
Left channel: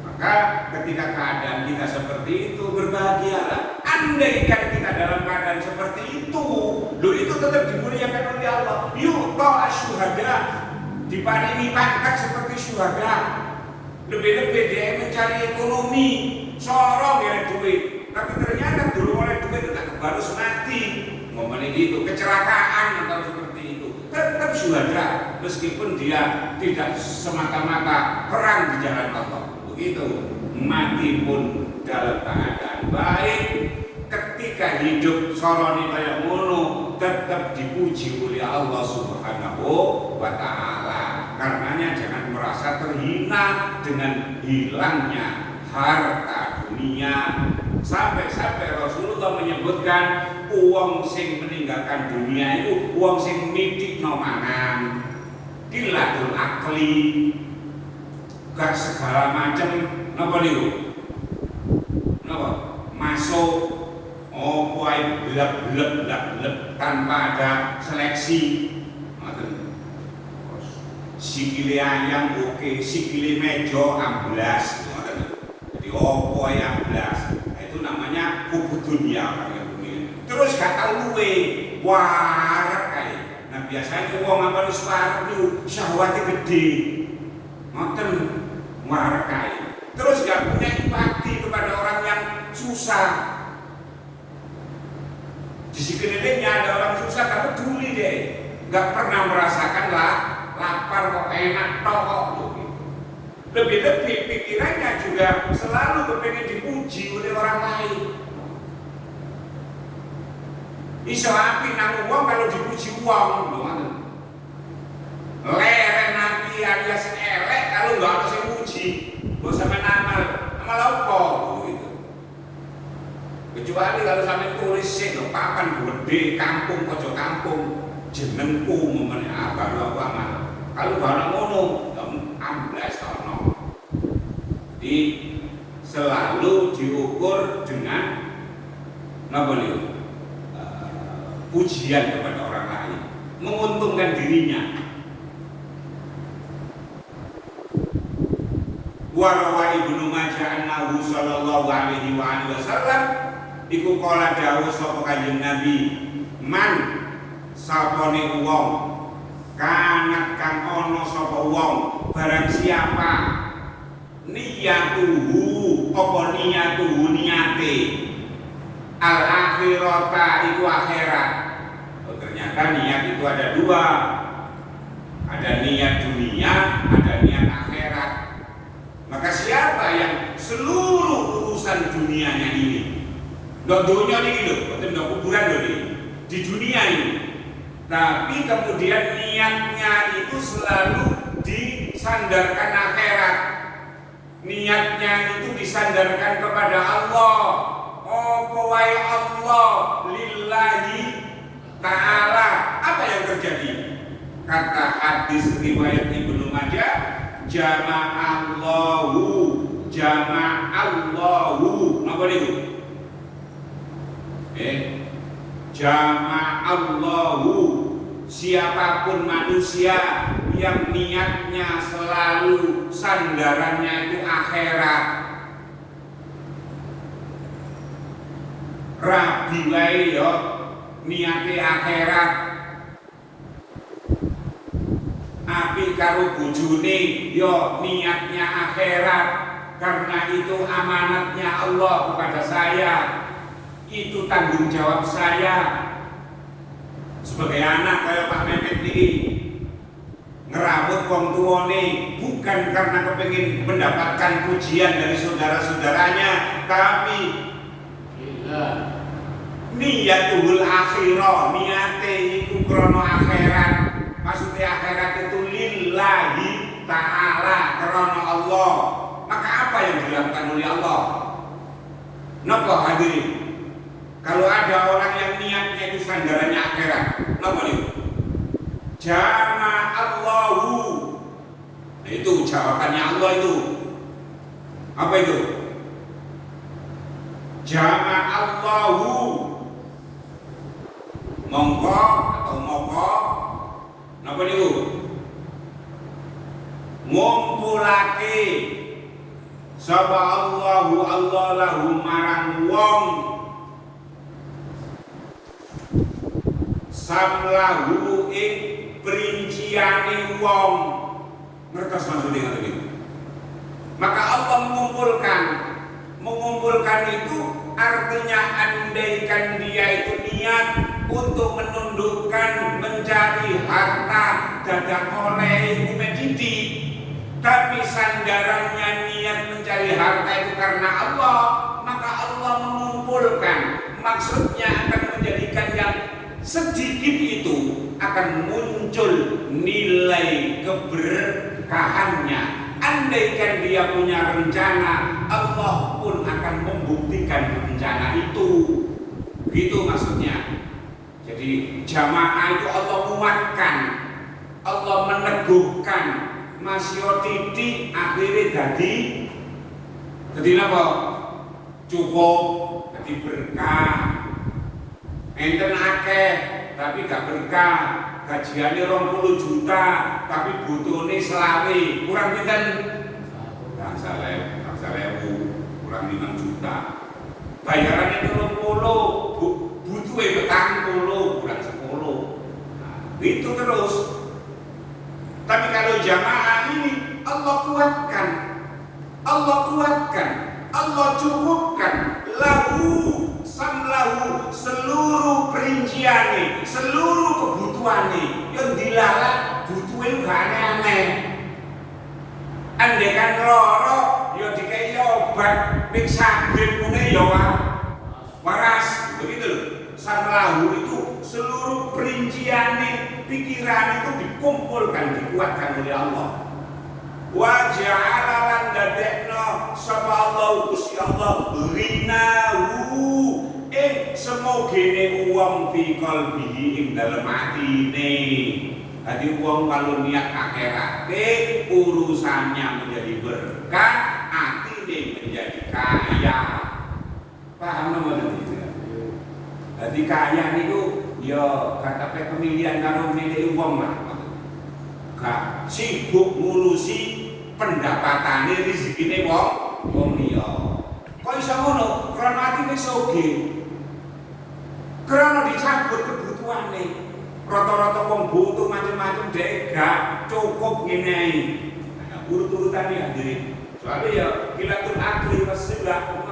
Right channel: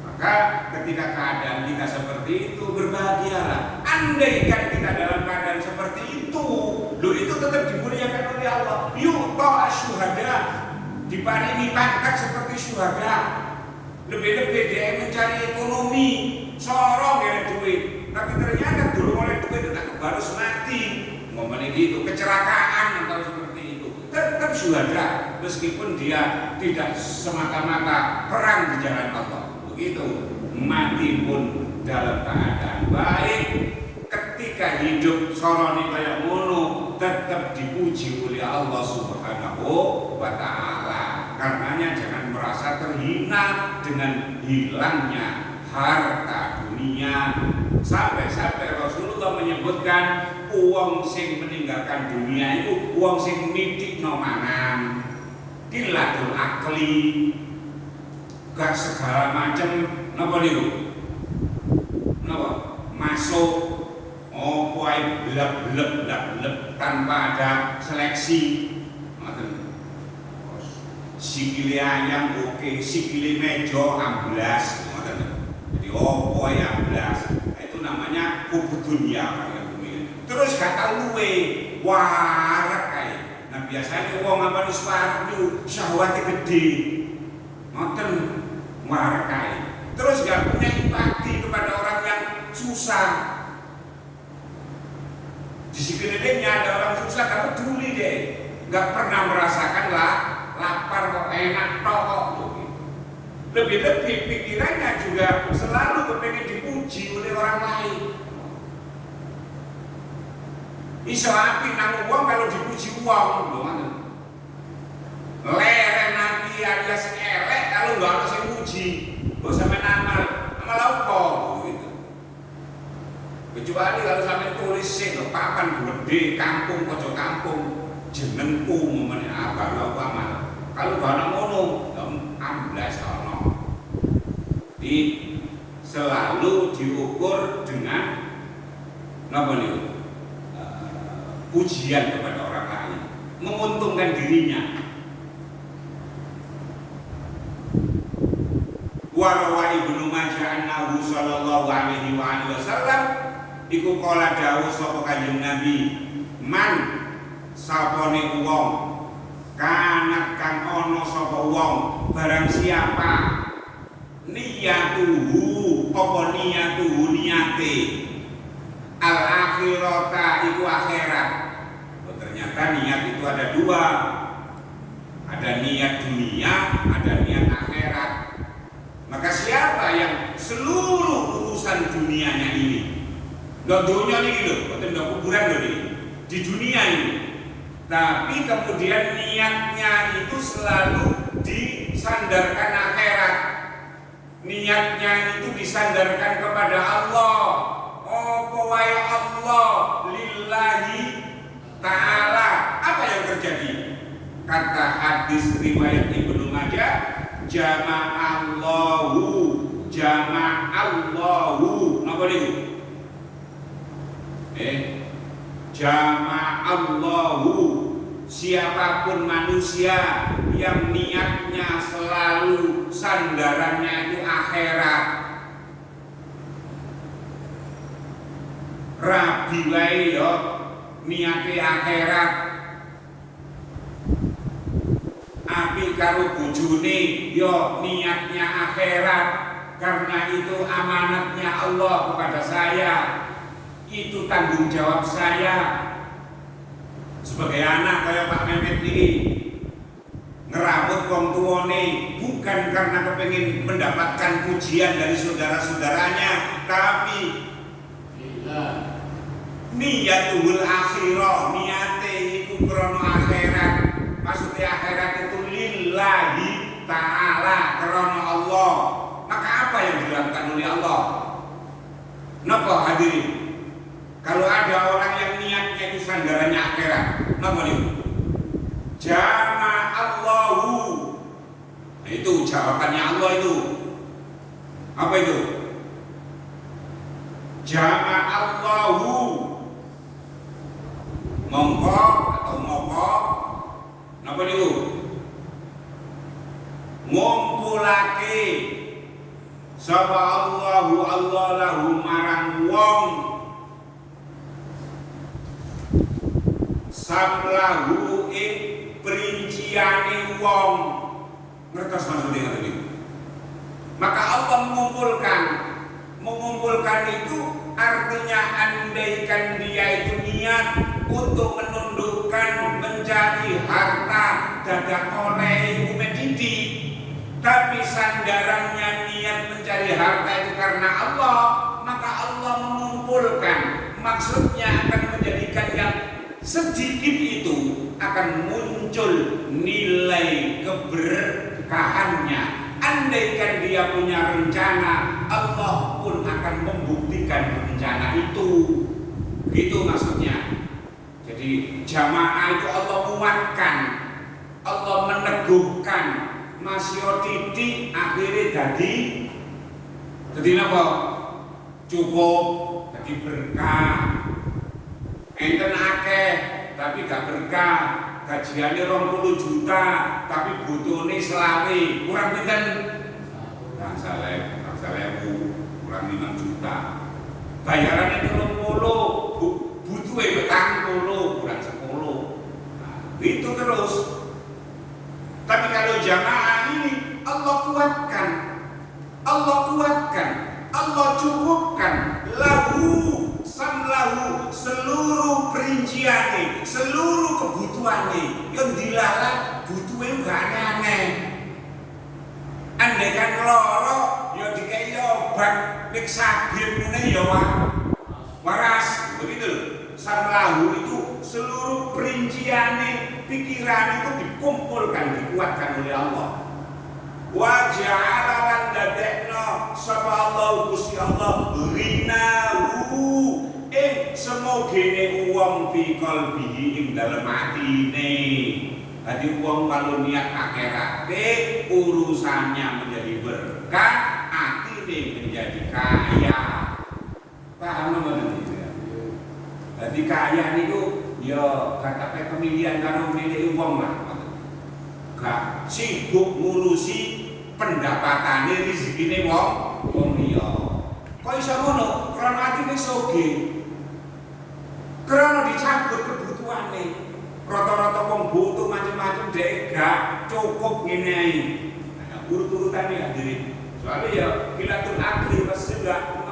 Maka ketika keadaan kita seperti itu berbahagialah. Andaikan kita dalam keadaan seperti itu, lo itu tetap dimuliakan oleh Allah. Yuk toh syuhada, diparingi pangkat seperti syuhada. Lebih-lebih dia mencari ekonomi, sorong ya duit. Tapi ternyata dulu oleh duit tidak kebarus mati. Momennya gitu, kecelakaan atau seperti itu. Tetap syuhada meskipun dia tidak semata-mata perang di jalan Allah. Begitu, mati pun dalam keadaan baik. Ketika hidup soroni kayak ngono tetap dipuji oleh Allah Subhanahu wa Ta'ala. Karenanya jangan merasa terhina dengan hilangnya harta dunia. Sampai-sampai Rasulullah menyebutkan uang sing meninggalkan dunia itu uang sing mitikno mangan, qillatul akli, gak segala macam napa niku, napa masuk kuai blek tanpa ada seleksi. sikile ayam oke, sikile mejo amblas. Jadi opo amblas. Itu namanya hubud dunia. Terus gak tahu luwe, warak kae. Nah biasanya wong amal suara itu syahwatnya gede, ngoten warak kae. Terus gak punya empati kepada orang yang susah. Di sekelilingnya ada orang susah, gak peduli deh, gak pernah merasakan lah lapar kok enak kok. Lebih-lebih pikirannya juga selalu kepengen dipuji oleh orang lain. Iso api nang wong kalau dipuji wong, leren nanti alias elek kalau nggak ada yang puji, gak sampai amal apa gitu. Kecuali kalau sampai tulis sih, papan gede kampung pojok kampung, jenengku momen apa lo amal. Kalau gak ada ngono, amblas ono. Di selalu diukur dengan apa nih? Pujian kepada orang lain, menguntungkan dirinya. Warawa Ibnu Majah annahu sallallahu alaihi wasallam iku kala dawuh sapa Kanjeng Nabi, man sapane wong kanat kang ana sapa wong barang siapa niyatuhu apa niyatuhu niyate al akhirata iku akhirat. Ternyata niat itu ada dua, ada niat dunia, ada niat akhirat. Maka siapa yang seluruh urusan dunianya ini, nggak dunia ini loh, nggak kuburan loh ini, di dunia ini, tapi kemudian niatnya itu selalu disandarkan akhirat, niatnya itu disandarkan kepada Allah. Oh wae Allah lillahi ta'ala. Apa yang terjadi? Kata hadis riwayat Ibnu Majah, jama'allahu apa itu? Jama'allahu, siapapun manusia yang niatnya selalu sandarannya itu akhirat, rabi wae yo niate akhirat, api karo bojone yo niatnya akhirat, karena itu amanatnya Allah kepada saya, itu tanggung jawab saya sebagai anak kayak Pak Mehmet ini, ngerabut wong tuane bukan karena kepengin mendapatkan pujian dari saudara-saudaranya, tapi niyatul akhirah, niate iku krono akhirat. Maksudnya akhirat itu lillahi ta'ala, krono Allah. Maka apa yang dilakukan oleh Allah? Napa hadirin? Kalau ada orang yang niatnya itu sandarannya akhirat, napa itu? Jama'allahu. Nah, itu jawabannya Allah itu. Apa itu? Jama'allahu, mongko atau moko, apa niku? Ngumpulake sapa Allahu Allah lahu marang wong samlahu ing perinciane wong. Ngertos maksudnya niku? Maka Allah mengumpulkan itu artinya andaikan dia itu niat untuk menundukkan mencari harta dadak oleh umedidi, tapi sandarannya niat mencari harta itu karena Allah, maka Allah mengumpulkan. Maksudnya akan menjadikan yang sedikit itu akan muncul nilai keberkahannya. Andaikan dia punya rencana, Allah pun akan membuktikan rencana itu. Gitu maksudnya. Jadi jamaah itu Allah muatkan, Allah meneguhkan, masih titik akhirnya jadi apa? Cukup, jadi berkah. Enten akeh, tapi gak berkah, gajiannya 20 juta tapi butuhnya selawe kurang pinten kurang 5 juta bayarannya 30 butuhnya petang 10 kurang 10 itu terus. Tapi kalau jamaah ini Allah kuatkan, Allah cukupkan lahu samlahu seluruh perinciannya, seluruh kebutuhannya yang dilalak butuhnya gak aneh-aneh. Andai kan loro ya dikai obat ning sabit ngene ya waras begitu loh. Samlahu itu seluruh perinciannya, pikiran itu dikumpulkan, dikuatkan oleh Allah. Wa ja'ala lan dadekno sapa Allah Gusti Allah rinahu semogene wong fi qalbihi ing dalem atine. Dadi wong kalau niat akhirate urusannya menjadi berkah, atine menjadi kaya. Paham nggak? Jadi kaya niku ya gak pemilihan karo milih wong lah. Gak sibuk ngurusi pendapatane rezekine wong liya. Kok iso ngono? Karena ati wis soge. Karena dicabut kebutuhane. Rata-rata wong butuh macam-macam dhek gak cukup ngene iki. Nah, urut-urutane hadirin. Soalnya ya kilatul akli wasila.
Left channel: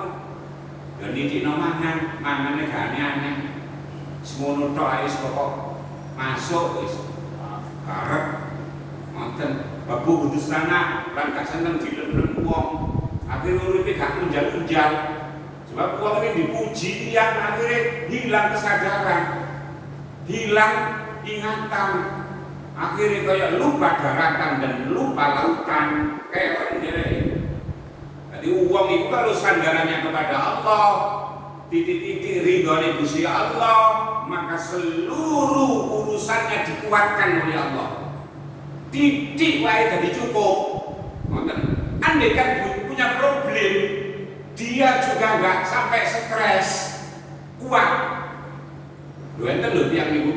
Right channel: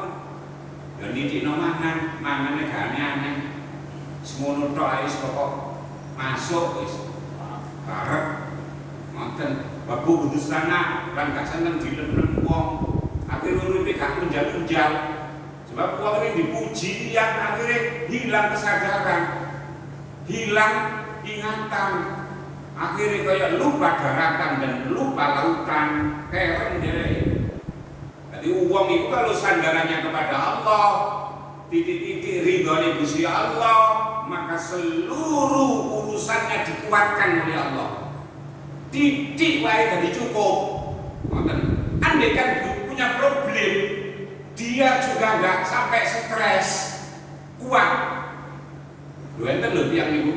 Dan ini mangannya gak aneh-aneh. Semono tok ae pokok masuk wis. Barek manten babu kudu sana lan gak seneng dilem-lem wong. Akhire uripe gak unjal-unjal. Sebab wong ini dipuji yang akhirnya hilang kesadaran. Hilang ingatan. Akhirnya kayak lupa daratan dan lupa lautan. Kayak ngene. Jadi uang itu kalau sandarannya kepada Allah, titik-titik ridhonya Gusti Allah, maka seluruh urusannya dikuatkan oleh Allah. Titik wae jadi cukup. Andai kan punya problem, dia juga nggak sampai stres, kuat. Lu enten lho tiang ibu,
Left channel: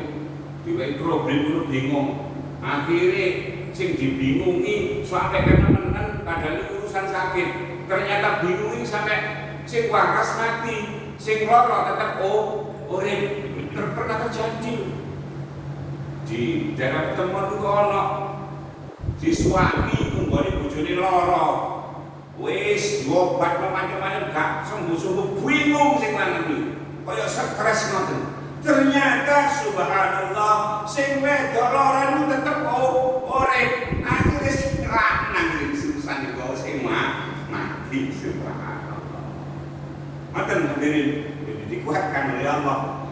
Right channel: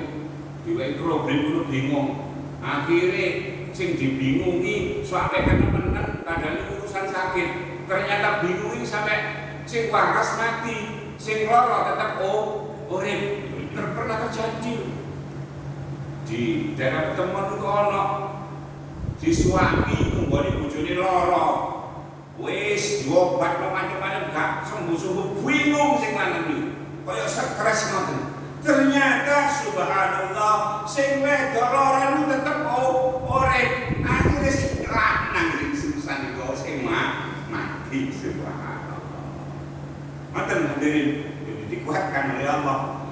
diwai problem lu bingung. Akhirnya sing dibingungi sampai temen-temen padahal urusan sakit. Ternyata bingung sampai sing waras mati, sing loro tetap urip. Pernah terjadi di daerah temen itu ono si suami nggone bojone loro wis diobat macam-macam gak sembuh-sembuh bingung sing lanang kaya stres ngoten. Ternyata subhanallah sing wedok loro itu tetep urip. Akhire lanang sing susah niku sing mati subhanallah. Maka hadirin dikuatkan oleh Allah.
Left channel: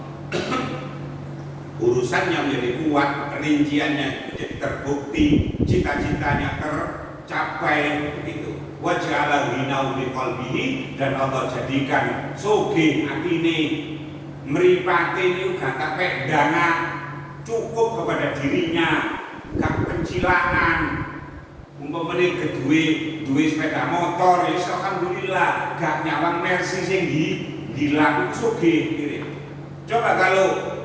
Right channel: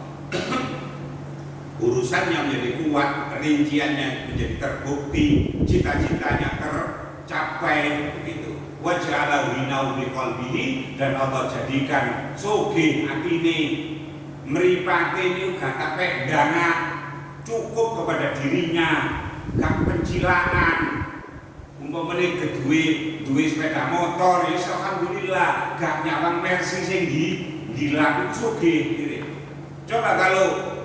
Urusannya menjadi kuat, rinciannya menjadi terbukti, cita-citanya tercapai begitu. Waj'ala ghinahu fi qalbihi dan Allah jadikan sugih atine mripate niku gak kepek dana cukup kepada dirinya, gak pencilaan. Umpamane duwe sepeda motor, ya alhamdulillah, gak nyawang Mercy sing gila itu sugih. Coba kalau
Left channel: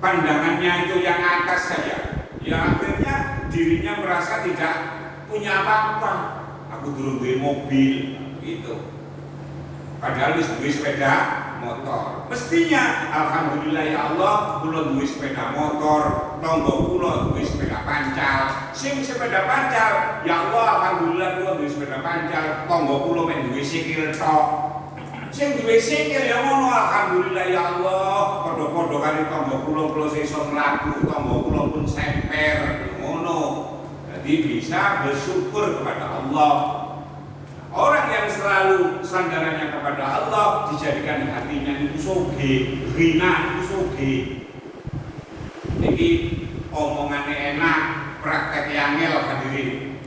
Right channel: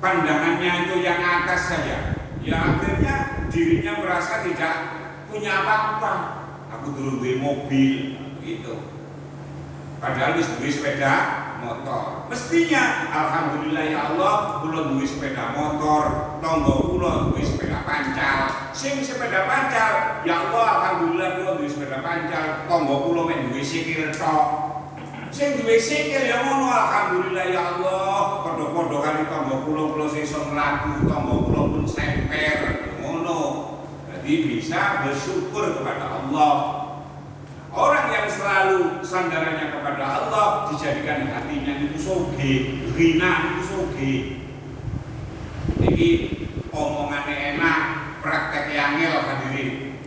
pandangannya itu yang atas saja, ya akhirnya dirinya merasa tidak punya apa-apa. Aku dulu duwe mobil, gitu. Padahal duwe sepeda motor. Mestinya alhamdulillah ya Allah, kula duwe sepeda motor, tangga kula duwe sepeda pancal. Sing sepeda pancal, ya Allah alhamdulillah kula duwe sepeda pancal, tangga kula mek duwe sikil tok. Sing duwe sikil ya ngono alhamdulillah ya Allah, padha-padha kali tangga kula iso mlaku, tangga kula pun semper ngono. Jadi bisa bersyukur kepada Allah. Orang yang selalu sandarannya kepada Allah dijadikan hatinya itu sugih, ghina itu sugih. Niki omongannya enak, praktek yang ngel hadirin.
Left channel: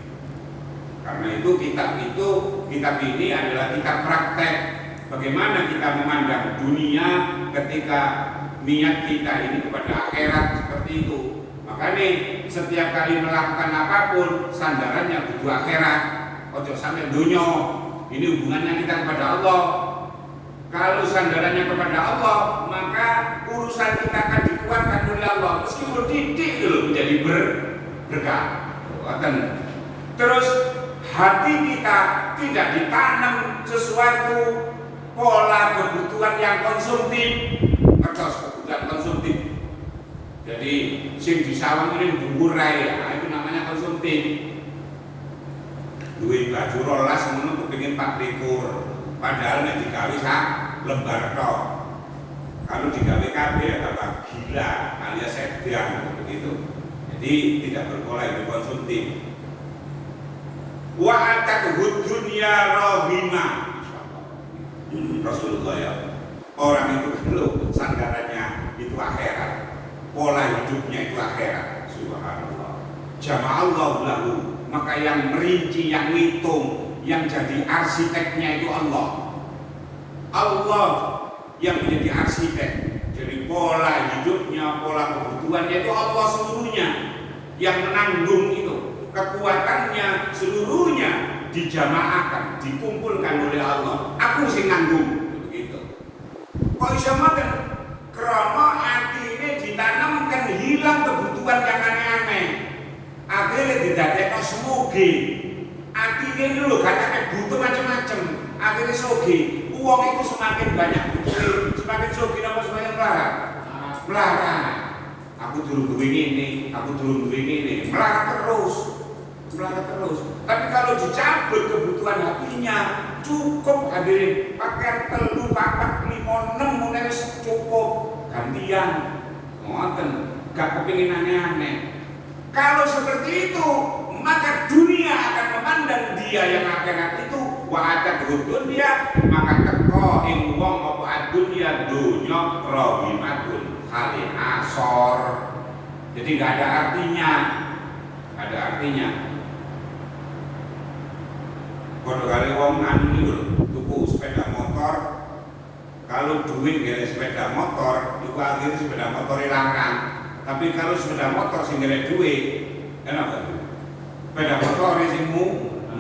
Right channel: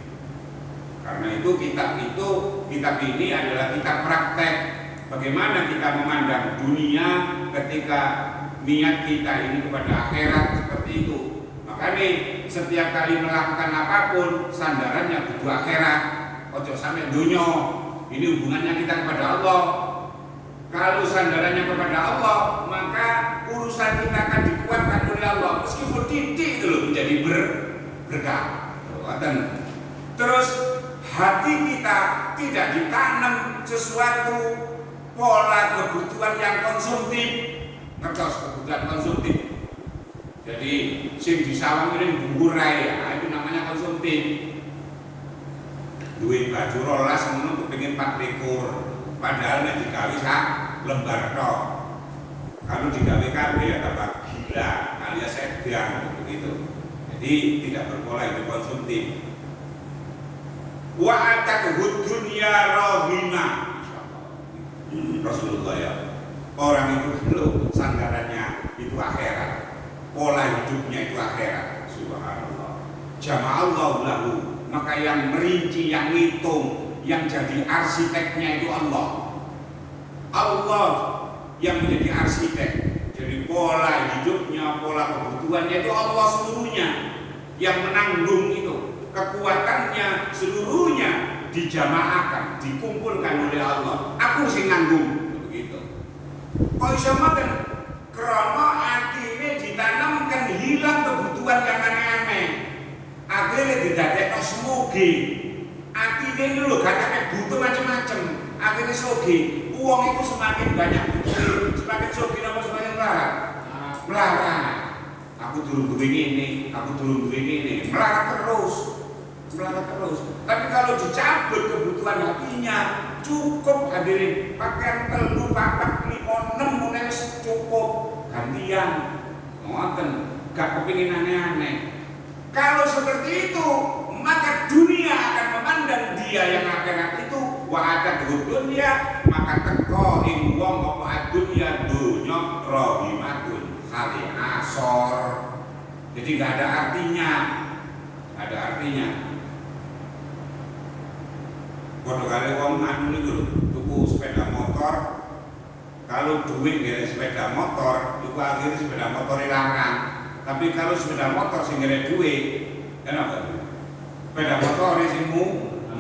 Karena itu kitab ini adalah kitab praktek. Bagaimana kita memandang dunia ketika niat kita ini kepada akhirat seperti itu. Makanya setiap kali melakukan apapun sandarannya kudu akhirat. Ojo sampai dunia. Ini hubungannya kita kepada Allah. Kalau sandarannya kepada Allah, maka urusan kita akan dikuatkan oleh oleh Allah meskipun titik itu menjadi berkah. Terus hati kita tidak ditanam sesuatu pola kebutuhan yang konsumtif atau kebutuhan konsumtif. Jadi sing disawang ini burai ya, itu namanya konsumtif. Duit baju rolas ngono kepengin 4 padahal nek digawe sak lembar tok. Kalau digawe kabeh ya tambah gila alias edan begitu. Jadi tidak berpola hidup konsumtif. Wa atadhud dunya rahimah. Rasulullah ya. Orang itu kalau sandarannya itu akhirat. Pola hidupnya itu akhirat. Subhanallah. Jama'allahu lahu, maka yang merinci, yang ngitung, yang jadi arsiteknya itu Allah. Allah yang menjadi arsitek. Jadi pola hidupnya, pola kebutuhannya itu Allah seluruhnya yang menanggung itu. Kekuatannya seluruhnya dijamaahkan, dikumpulkan oleh Allah. Aku sing nanggung begitu. Kok iso ngoten? Karena akhirnya ditanamkan hilang kebutuhan yang aneh-aneh. Akhirnya didadekno semoga. Akhirnya itu loh kadang butuh macam-macam. Akhirnya soge. Uang itu semakin banyak butuh, semakin soge apa semakin melarat. Aku turun begini, aku turun begini, melarat terus. Tapi kalau dicabut kebutuhan hatinya cukup hadirin pakaian 3, 4, 5, 6 mungkin cukup gantian ngoten gak kepingin aneh-aneh. Kalau seperti itu maka dunia akan memandang dia yang akhirat itu wa atadhud dunya, maka teko ing wong apa dunya dunya rahimatun hali asor. Jadi gak ada artinya. Kalau kali wong anu niku lho, tuku sepeda motor. Kalau duit ngere sepeda motor, itu akhirnya sepeda motor larang. Tapi kalau sepeda motor sing ngere duit, kenapa? Sepeda motor sing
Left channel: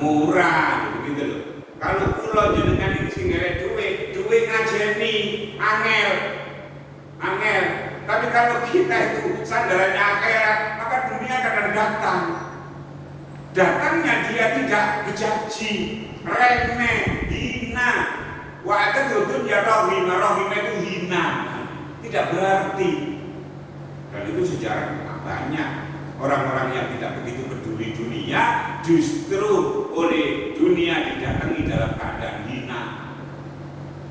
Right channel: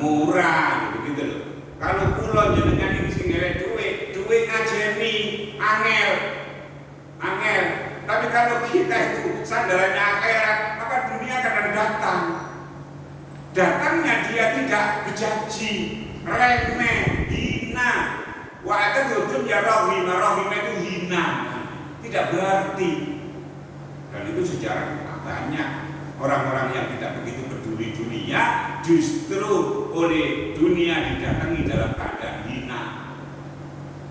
murah gitu lho. Kalau kula jenengan sing ngere duit ngajeni angel. Tapi kalau kita itu sandarannya akhirat, maka dunia akan datang. Datangnya dia tidak berjanji, remeh, hina. Wa atadhud dunya rahimah itu hina, tidak berarti. Dan itu sejarah banyak orang-orang yang tidak begitu peduli dunia, justru oleh dunia didatangi dalam keadaan hina.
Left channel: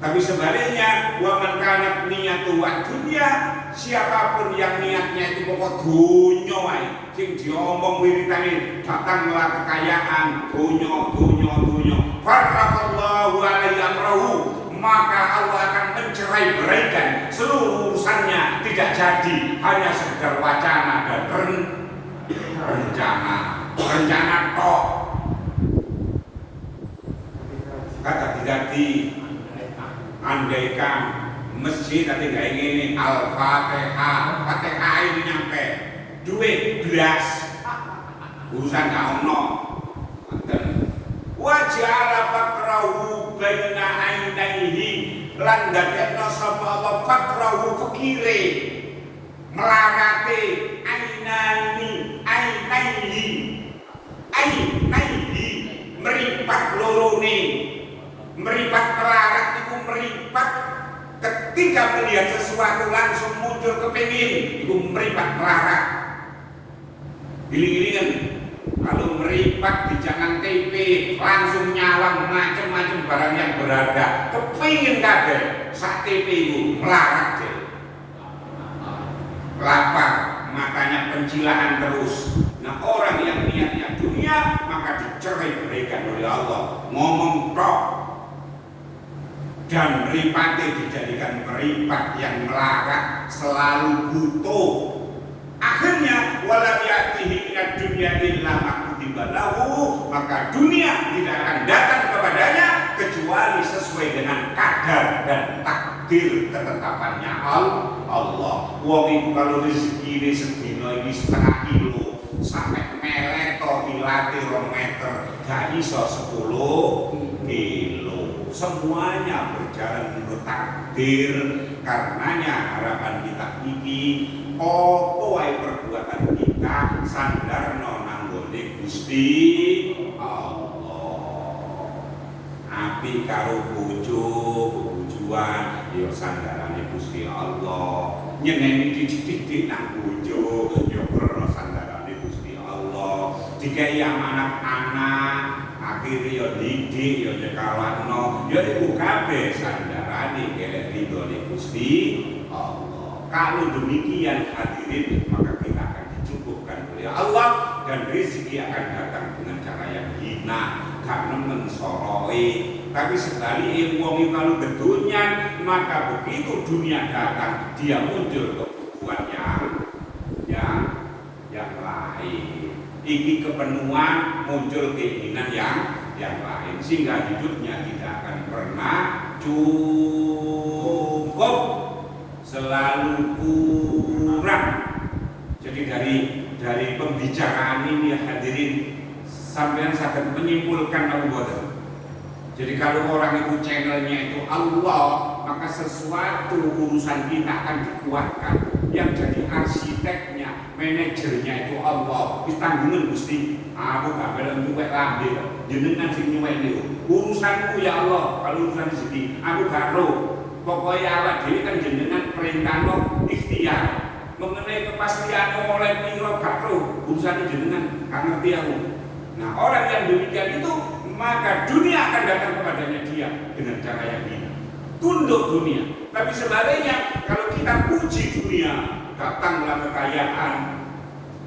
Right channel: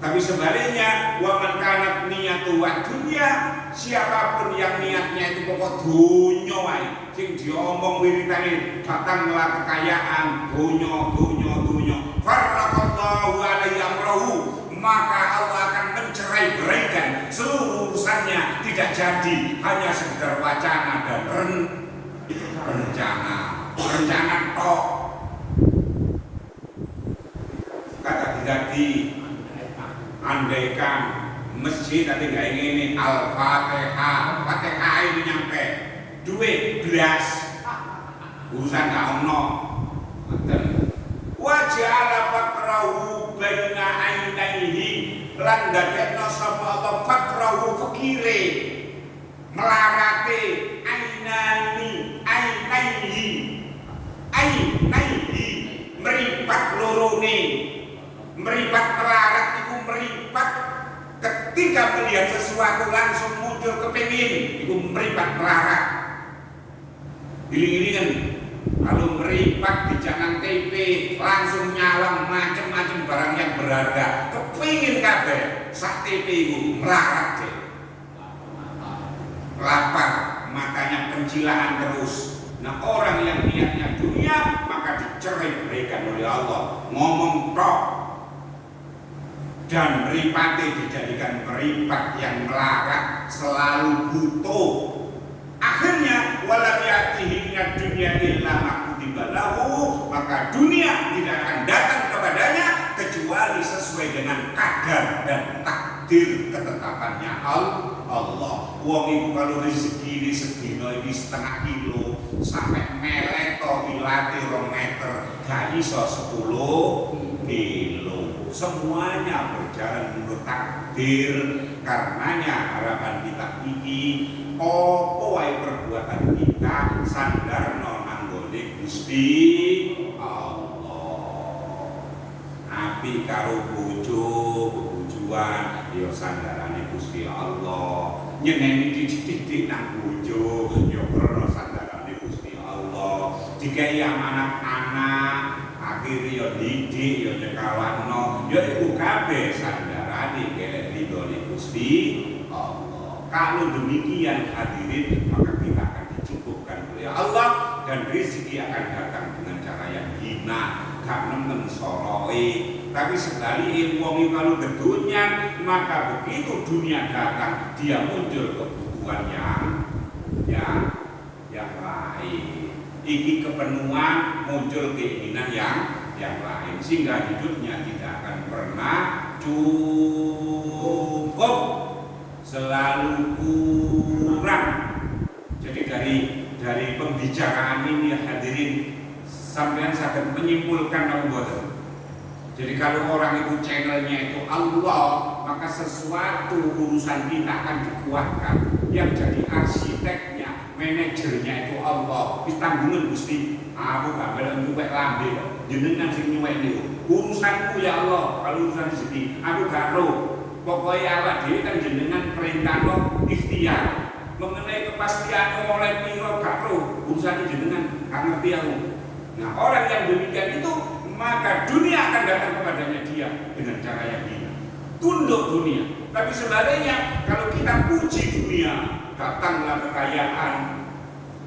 Tapi sebaliknya, wa man kanat niyatu wa dunya, siapapun yang niatnya itu pokok dunya wae, sing diomong wiritane datanglah kekayaan, dunya. Farraqallahu alaihi amrahu, maka Allah akan mencerai-beraikan seluruh urusannya, tidak jadi hanya sekedar wacana dan rencana tok. Kata didati andaikan masjid tapi nggak ingin Al-Fatihah, Fatihah ini nyampe duit belas urusan nggak ono. Wajah fakrahu baina ainaihi, lan dadekno sapa Allah fakrahu fakire melarate ainaihi meripat lorone. Meripat melarat itu meripat ketika melihat sesuatu langsung muncul kepingin, itu meripat melarat. Giling-gilingan kalau meripat di jangan TV langsung nyawang macam-macam barang yang berharga, kepingin kabeh sak TV itu melarat deh. Lapar, makanya pencilaan terus. Nah orang yang niatnya dunia maka dicerai-beraikan oleh Allah. Ngomong tok. Dan meripati dijadikan meripat yang melarat, selalu butuh. Akhirnya walam yatihi minad dunya illa ma kutiba lahu, maka dunia tidak akan datang kepadanya kecuali sesuai dengan kadar dan takdir ketetapannya Allah. Wong iku kalau rezeki ini sedina iki setengah kilo sampai meleto dilati 2 meter gak iso 10 kilo. Semuanya berjalan menurut takdir. Karenanya harapan kita ini apa wae perbuatan kita sandarno nang nggone Gusti Allah. Api karo bojo, bojoan ya sandarane Gusti Allah. Nyeneni didik-didik nang bojo ya krana sandarane Gusti Allah. Dikai anak-anak akhirnya ya didik ya dikalahno ya iku kabeh sandarane kelek ridhone Gusti Allah. Kalau demikian hadirin, maka kita akan dicukupkan oleh Allah dan rezeki akan datang dengan cara yang hina karena mensoroi. Tapi sekali wong kalau bedunya, maka begitu dunia datang dia muncul kebutuhan yang lain. Iki kepenuhan, muncul keinginan yang lain sehingga hidupnya tidak akan pernah cukup, selalu kurang. Jadi dari pembicaraan ini hadirin, sampean sakit menyimpulkan Allah. Jadi kalau orang itu channelnya itu Allah, maka sesuatu urusan kita akan dikuatkan. Yang jadi arsiteknya, manajernya itu Allah. Ditanggungan Gusti, aku gak belum nyuwek lambe kok. Jenengan sing nyuwek niku. Urusanku ya Allah, kalau urusan rezeki, aku gak tahu. Pokoknya Allah dhewe kan jenengan perintahno ikhtiar. Mengenai kepastian oleh piro gak tahu. Urusan jenengan gak ngerti aku. Nah, orang yang demikian itu, maka dunia akan datang kepadanya dia dengan cara yang ini. Tunduk dunia. Tapi sebaliknya, kalau kita puji dunia, datanglah kekayaan,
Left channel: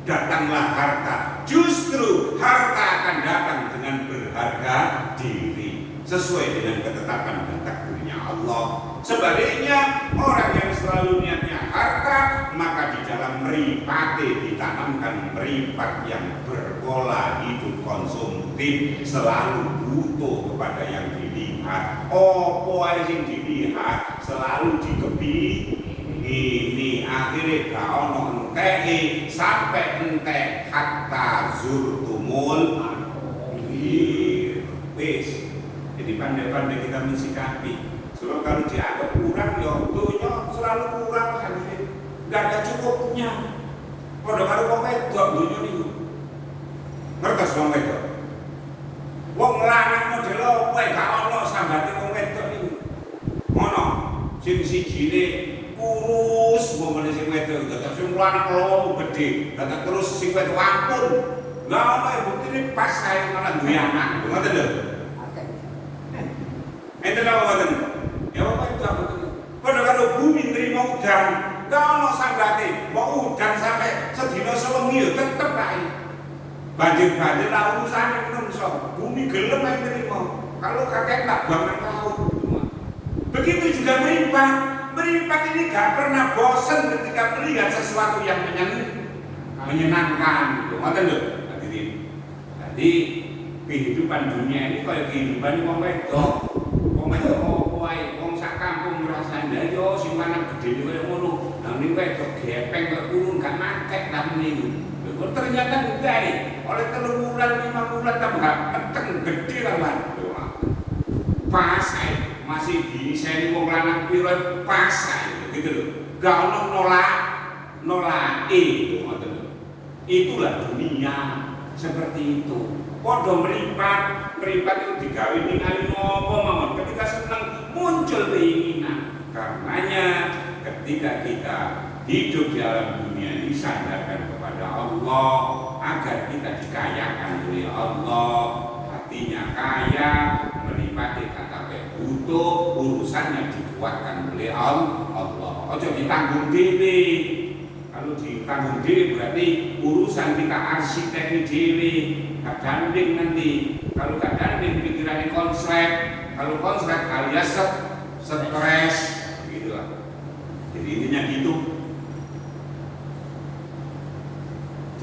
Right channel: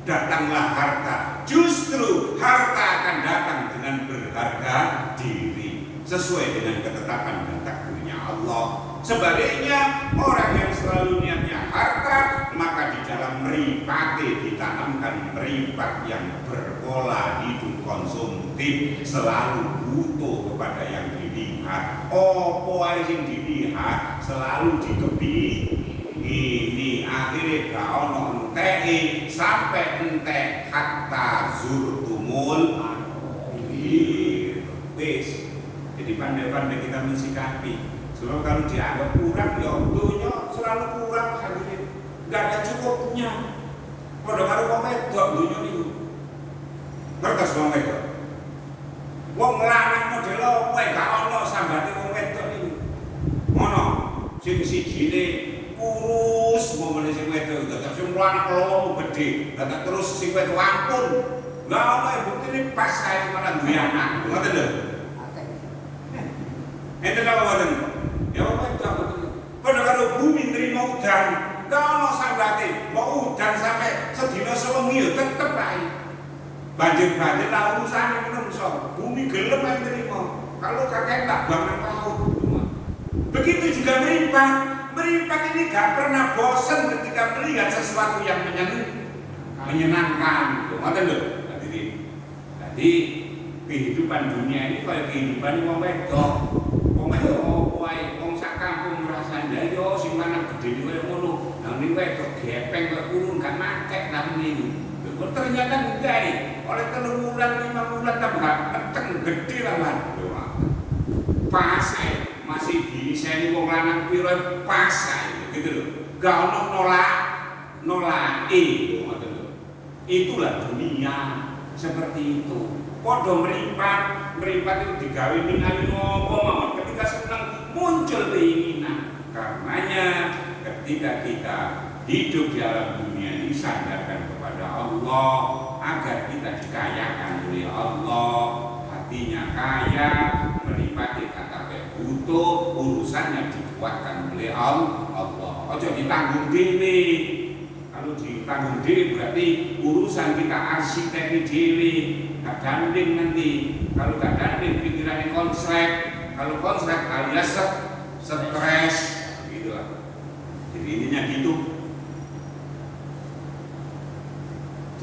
datanglah harta. Justru harta akan datang dengan berharga diri, sesuai dengan ketetapan dan takdirnya Allah. Sebaliknya, orang yang selalu niatnya harta, maka di dalam meripati ditanamkan meripat yang berpola hidup konsumtif, selalu butuh kepada yang dilihat. Opo ae sing dilihat selalu ini akhirnya gak ono enteke sampai entek hatta zurtumul wis. Jadi pandai-pandai kita mensikapi. Sebab kalau dianggap kurang, ya dunia selalu kurang hadirin. Gak ada cukupnya. Padahal kalau wong wedok dunia itu mereka wong wedok. Wong lanang model opo gak ono sambate wong wedok iki. Ono sing sijine kurus momene sing wedok, tetep sing lanang lowo gede, tetep terus sing wedok ampun. Lah apa buktine pas kae malah duwe anak. Ngoten lho. Enten apa ngoten? Ya wedok ngoten. Padahal kalau bumi nerima udan, gak ono sambate. Mau udan sampai sedina sewengi ya tetep ae. Banjir-banjir lah urusane menungso. Bumi gelem ae nerima. Kalau kakek tak bangun laut. Begitu juga meripat. Meripat ini gak pernah bosan ketika melihat sesuatu yang menyenangkan. Ngoten lho, hadirin. Jadi kehidupan dunia ini kayak kehidupan wong wedok. Wong wedok opo ae, wong sak kampung ngrasani yo sing lanang gedhe koyo ngono. Lah ning wedok gepeng kok kurung gak matek namine. Ternyata enggak, oleh 3 bulan 5 bulan tambah peteng gede lah pas masih diseni wong lanang piro pas gitu loh. Gak ono nolak itulah dunia seperti itu. Podo meripat itu digawe ningali ngopo mawon ketika senang muncul keinginan. Karenanya ketika kita hidup di dalam dunia ini sandarkan kepada Allah agar kita dikayakan oleh Allah, hatinya kaya, meripati KTP butuh, urusannya dikuatkan oleh Allah. Ojo ditanggung diri. Kalau ditanggung diri berarti urusan kita arsitek diri, gak gandeng nanti. Kalau gak gandeng pikirannya konslet, kalau konslet alias stres, gitu lah. Jadi intinya gitu.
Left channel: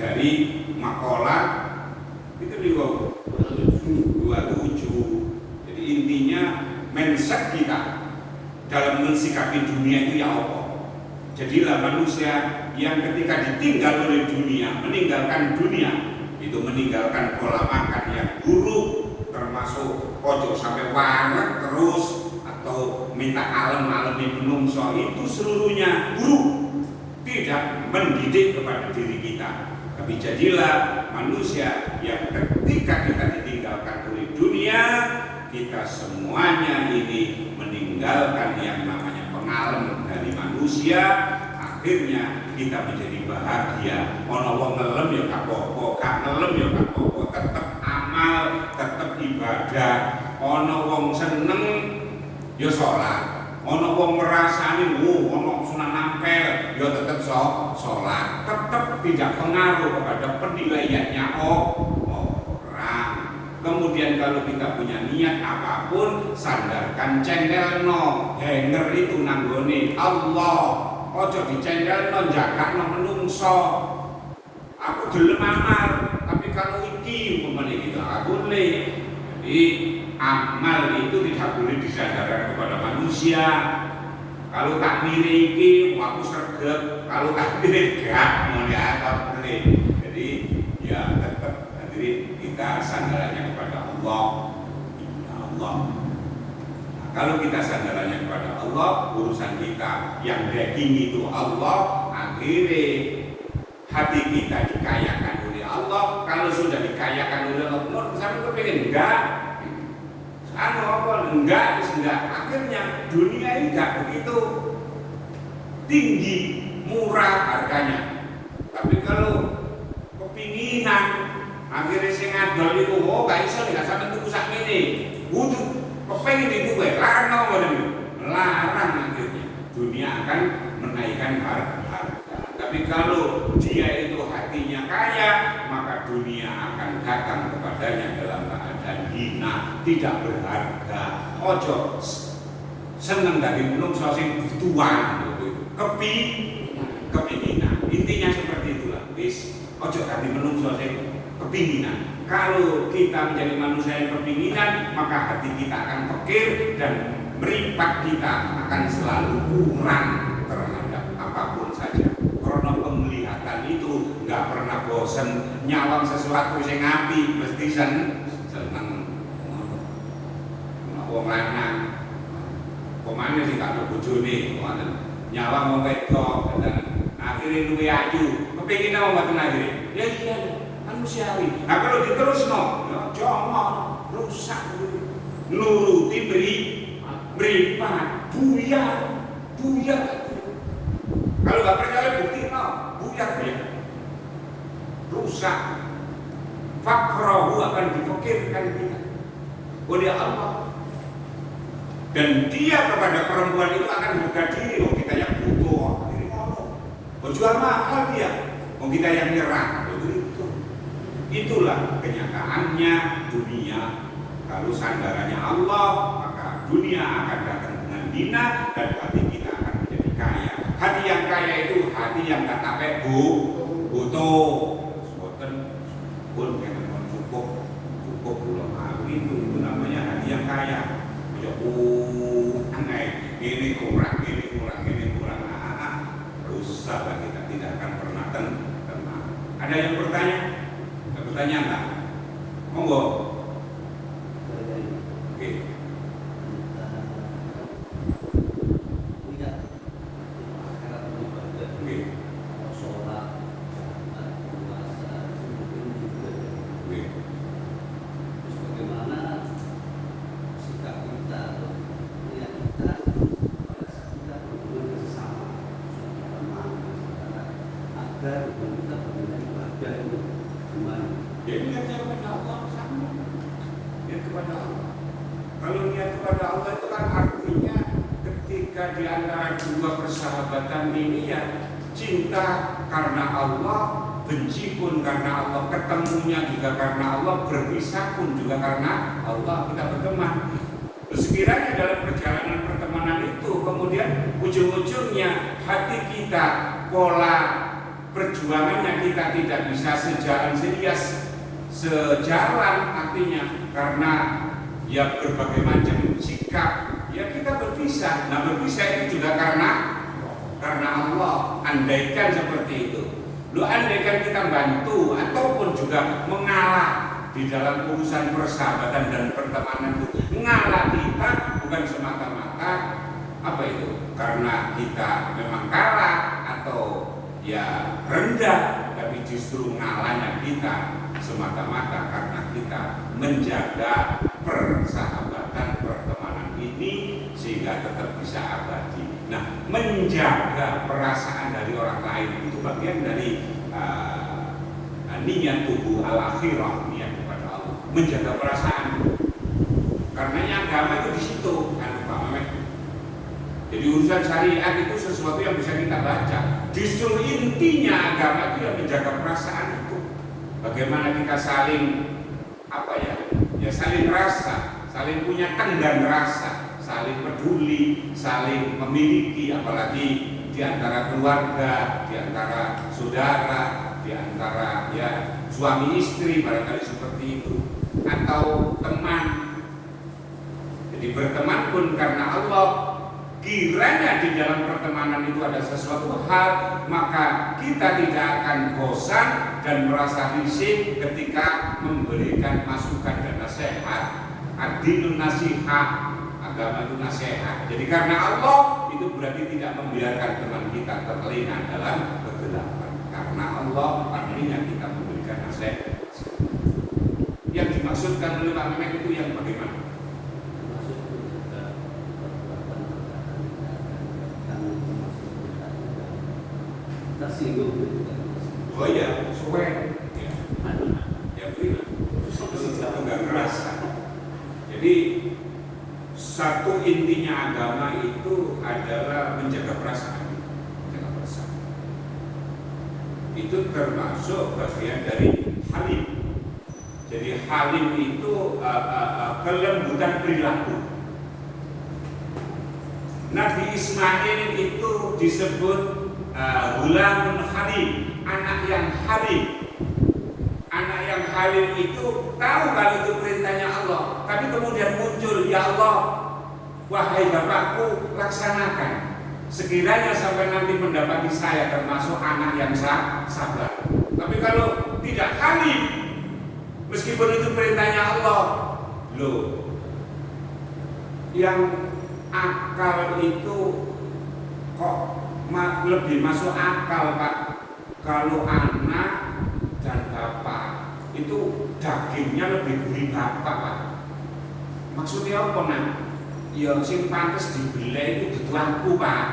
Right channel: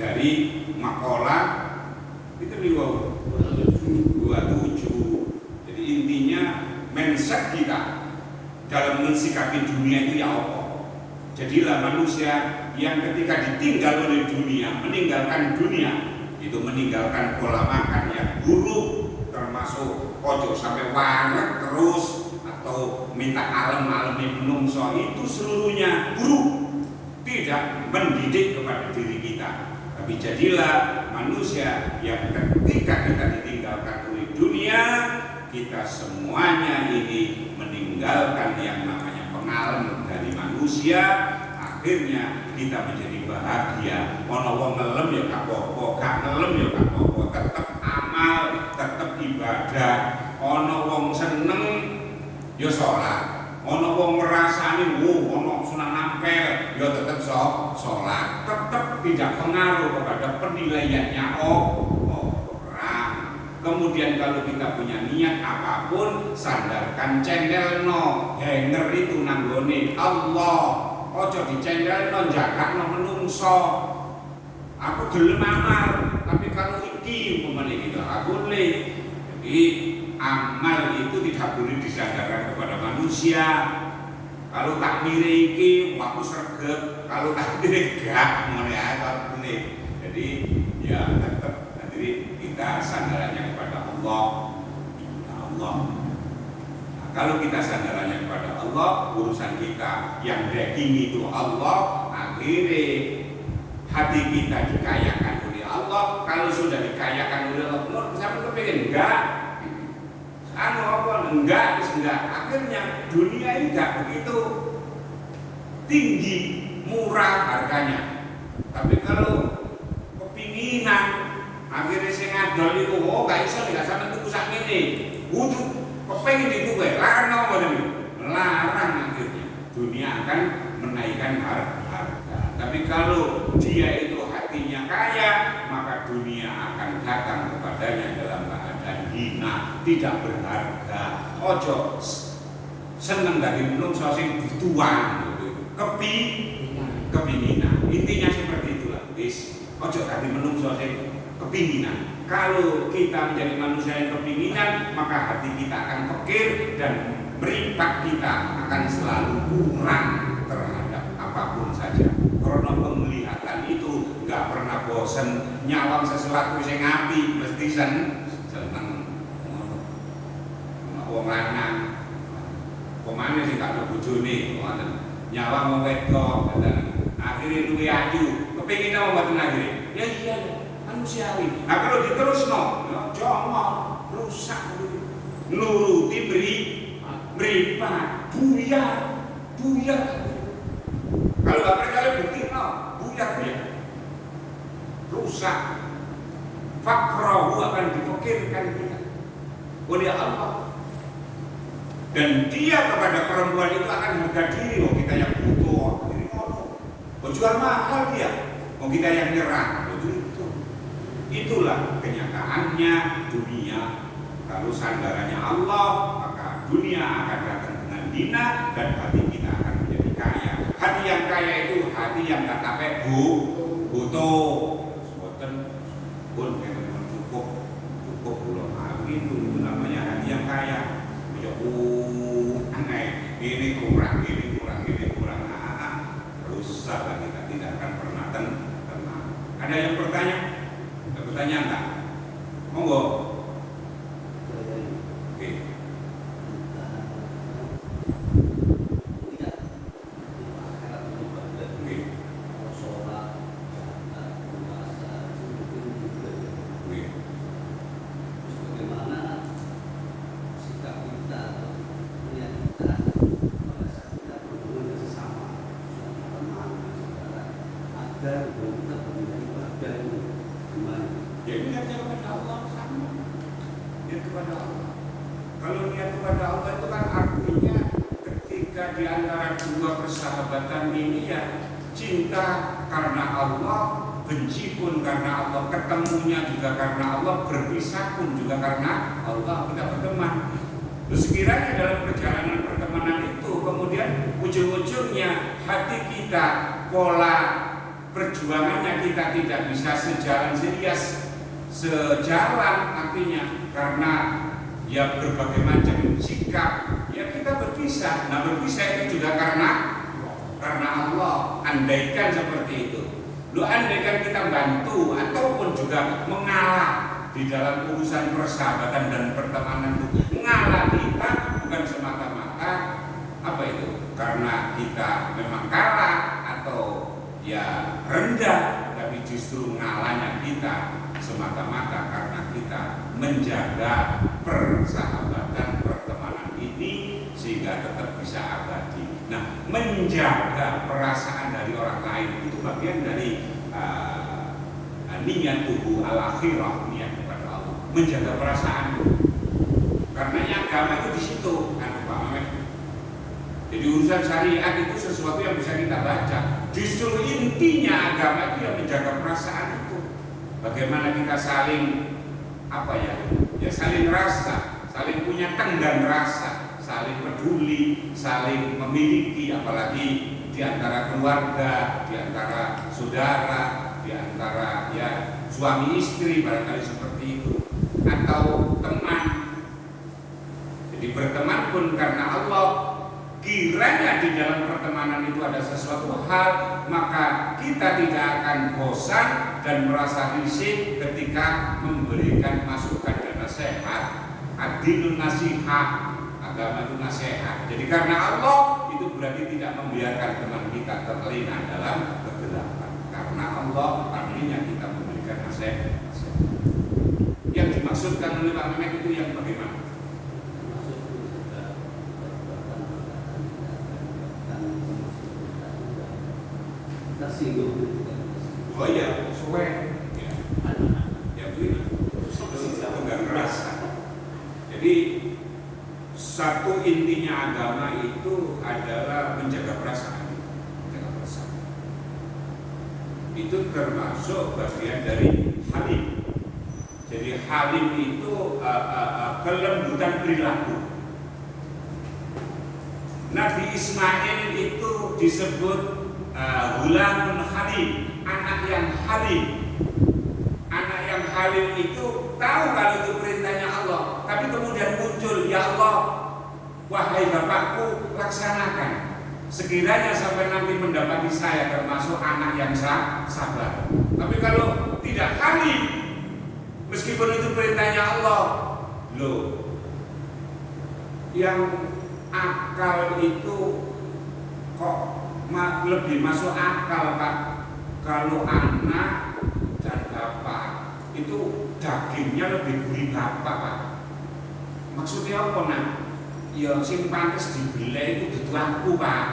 Dari makalah itu di 27. Jadi intinya mindset kita dalam mensikapi dunia itu ya Allah. Jadilah manusia yang ketika ditinggal oleh dunia, meninggalkan dunia, itu meninggalkan pola makan yang buruk, termasuk ojo sampai wareg terus atau minta alam-alami menungso, itu seluruhnya buruk. Tidak tidak mendidik kepada diri kita. Tapi jadilah manusia yang ketika kita ditinggalkan oleh dunia, kita semuanya ini meninggalkan yang namanya pengalaman dari manusia. Akhirnya kita menjadi bahagia. Ono wong ngelem ya gak apa-apa, gak ngelem ya gak apa-apa, tetap amal, tetap ibadah. Ono wong seneng ya sholat. Ono wong ngrasani ono sunah nampel ya tetap sholat. Tetap tidak pengaruh kepada penilaiannya orang. Kemudian kalau kita punya niat apapun, sandarkan cendelno, hanger itu nanggone Allah. Ojo dicendelno jagatno menungso. Aku gelem amal, tapi kalau iki umpamane gitu aku le. Jadi amal itu tidak boleh disandarkan kepada manusia. Kalau tak miriki, aku sregep. Kalau tak miriki, gak mau apa boleh. Jadi ya tetap jadi kita sandarannya kepada Allah. Ya Allah. Nah, kalau kita sandarannya kepada Allah, urusan kita yang daging itu Allah, akhirnya hati kita dikayakan oleh Allah. Kalau sudah dikayakan oleh Allah, sampai kepengen enggak? Enggak, akhirnya dunia ini enggak begitu tinggi, murah harganya. Tapi kalau kepinginan, akhirnya saya ngadol itu, gak bisa tidak sampai tunggu saat ini. Butuh, kepengen itu gue, larang akhirnya. Dunia akan menaikkan harga. Tapi kalau dia itu hatinya kaya, maka dunia akan datang kepadanya dalam keadaan hina, tidak berharga. Ojo seneng dari menungso sing butuhan kepinginan. Intinya seperti itulah. Ojo dari menungso sing kepinginan. Kalau kita menjadi manusia yang kepinginan, maka hati kita akan pikir dan meripat kita akan selalu kurang terhadap apapun saja. Karena penglihatan itu nggak pernah bosan, nyawang sesuatu yang ngapi mesti seneng wong lanang pemane sih gak bojone nyawang mau wedok akhirnya luwe ayu kepengin apa mboten akhirnya ya iya manusiawi. Nah kalau diterusno jangan rusak nuruti meripat buyar. Kalau nggak percaya bukti buyar ya rusak. Fakrohu akan dipikirkan kita oleh Allah, dan dia kepada perempuan itu akan harga diri. Kita yang butuh ini jual mahal dia, kita yang nyerah. Itulah kenyataannya dunia. Kalau sandarannya Allah, maka dunia akan datang dengan hina dan hati kita akan menjadi kaya. Hati yang kaya itu hati yang tak pakai butuh. Pun yang cukup belum itu namanya hati yang kaya. Aneh, ini kurang. Rusaklah kita tidak akan pernah tenang. Ada yang bertanya? Ada pertanyaan tak? Monggo. Oke. Kalau niat kepada Allah itu kan artinya ketika di antara dua persahabatan ini ya cinta karena Allah, benci pun karena Allah, ketemunya juga karena Allah, berpisah pun juga karena Allah, kita berteman. Terus sekiranya dalam perjalanan pertemanan itu kemudian ujung-ujungnya hati kita, pola perjuangannya kita tidak bisa sejalan artinya karena ya berbagai macam sikap ya kita berpisah. Nah berpisah itu juga karena Allah. Andaikan seperti itu, andaikan kita bantu ataupun juga mengalah di dalam urusan persahabatan dan pertemanan itu, mengalah kita bukan semata-mata apa itu karena kita memang kalah atau ya rendah, tapi justru ngalahnya kita semata-mata karena kita menjaga persahabatan pertemanan ini sehingga tetap bisa abadi. Nah, menjaga perasaan dari orang lain itu bagian dari niat tubuh al-akhirah, niat kepada Allah, menjaga perasaan. Karena yang agama itu di situ, kan Pak Mamet. Jadi urusan syariat itu sesuatu yang bisa kita baca. Justru intinya agama itu yang menjaga perasaan itu. Bagaimana kita saling saling rasa, saling punya tenggang rasa, saling peduli, saling memiliki, apalagi di antara keluarga, di antara saudara, di antara suami istri barangkali seperti itu, atau teman. Jadi berteman pun karena Allah. Kiranya di dalam pertemanan itu ada sesuatu hal, maka kita tidak akan bosan dan merasa risih ketika memberikan masukan dan nasihat. Adinun nasihat, agama itu nasihat. Jadi karena Allah itu berarti tidak membiarkan teman kita terlena dalam kegelapan. Karena Allah akhirnya kita memberikan nasihat. Yang dimaksudkan oleh Pak Menek itu yang bagaimana? Oh iya, tenggang rasa. Jadi satu intinya agama itu adalah menjaga perasaan. Itu termasuk bagian dari halim. Jadi halim itu kelembutan perilaku. Nabi Ismail itu disebut Gulamun halim, anak yang halim. Anak yang halim itu tahu kalau itu perintahnya Allah, tapi kemudian muncul, ya Allah, wahai bapakku, laksanakan. Sekiranya sampai nanti mendapati saya termasuk anak yang sabar. Tapi kalau tidak halim, meskipun itu perintahnya Allah, loh, yang akal itu kok lebih masuk akal, Pak. Kalau anak dan bapak itu dagingnya lebih gurih bapak, Pak. Maksudnya apa, Nak? Ya sing pantes dibeli itu dituangku, Pak.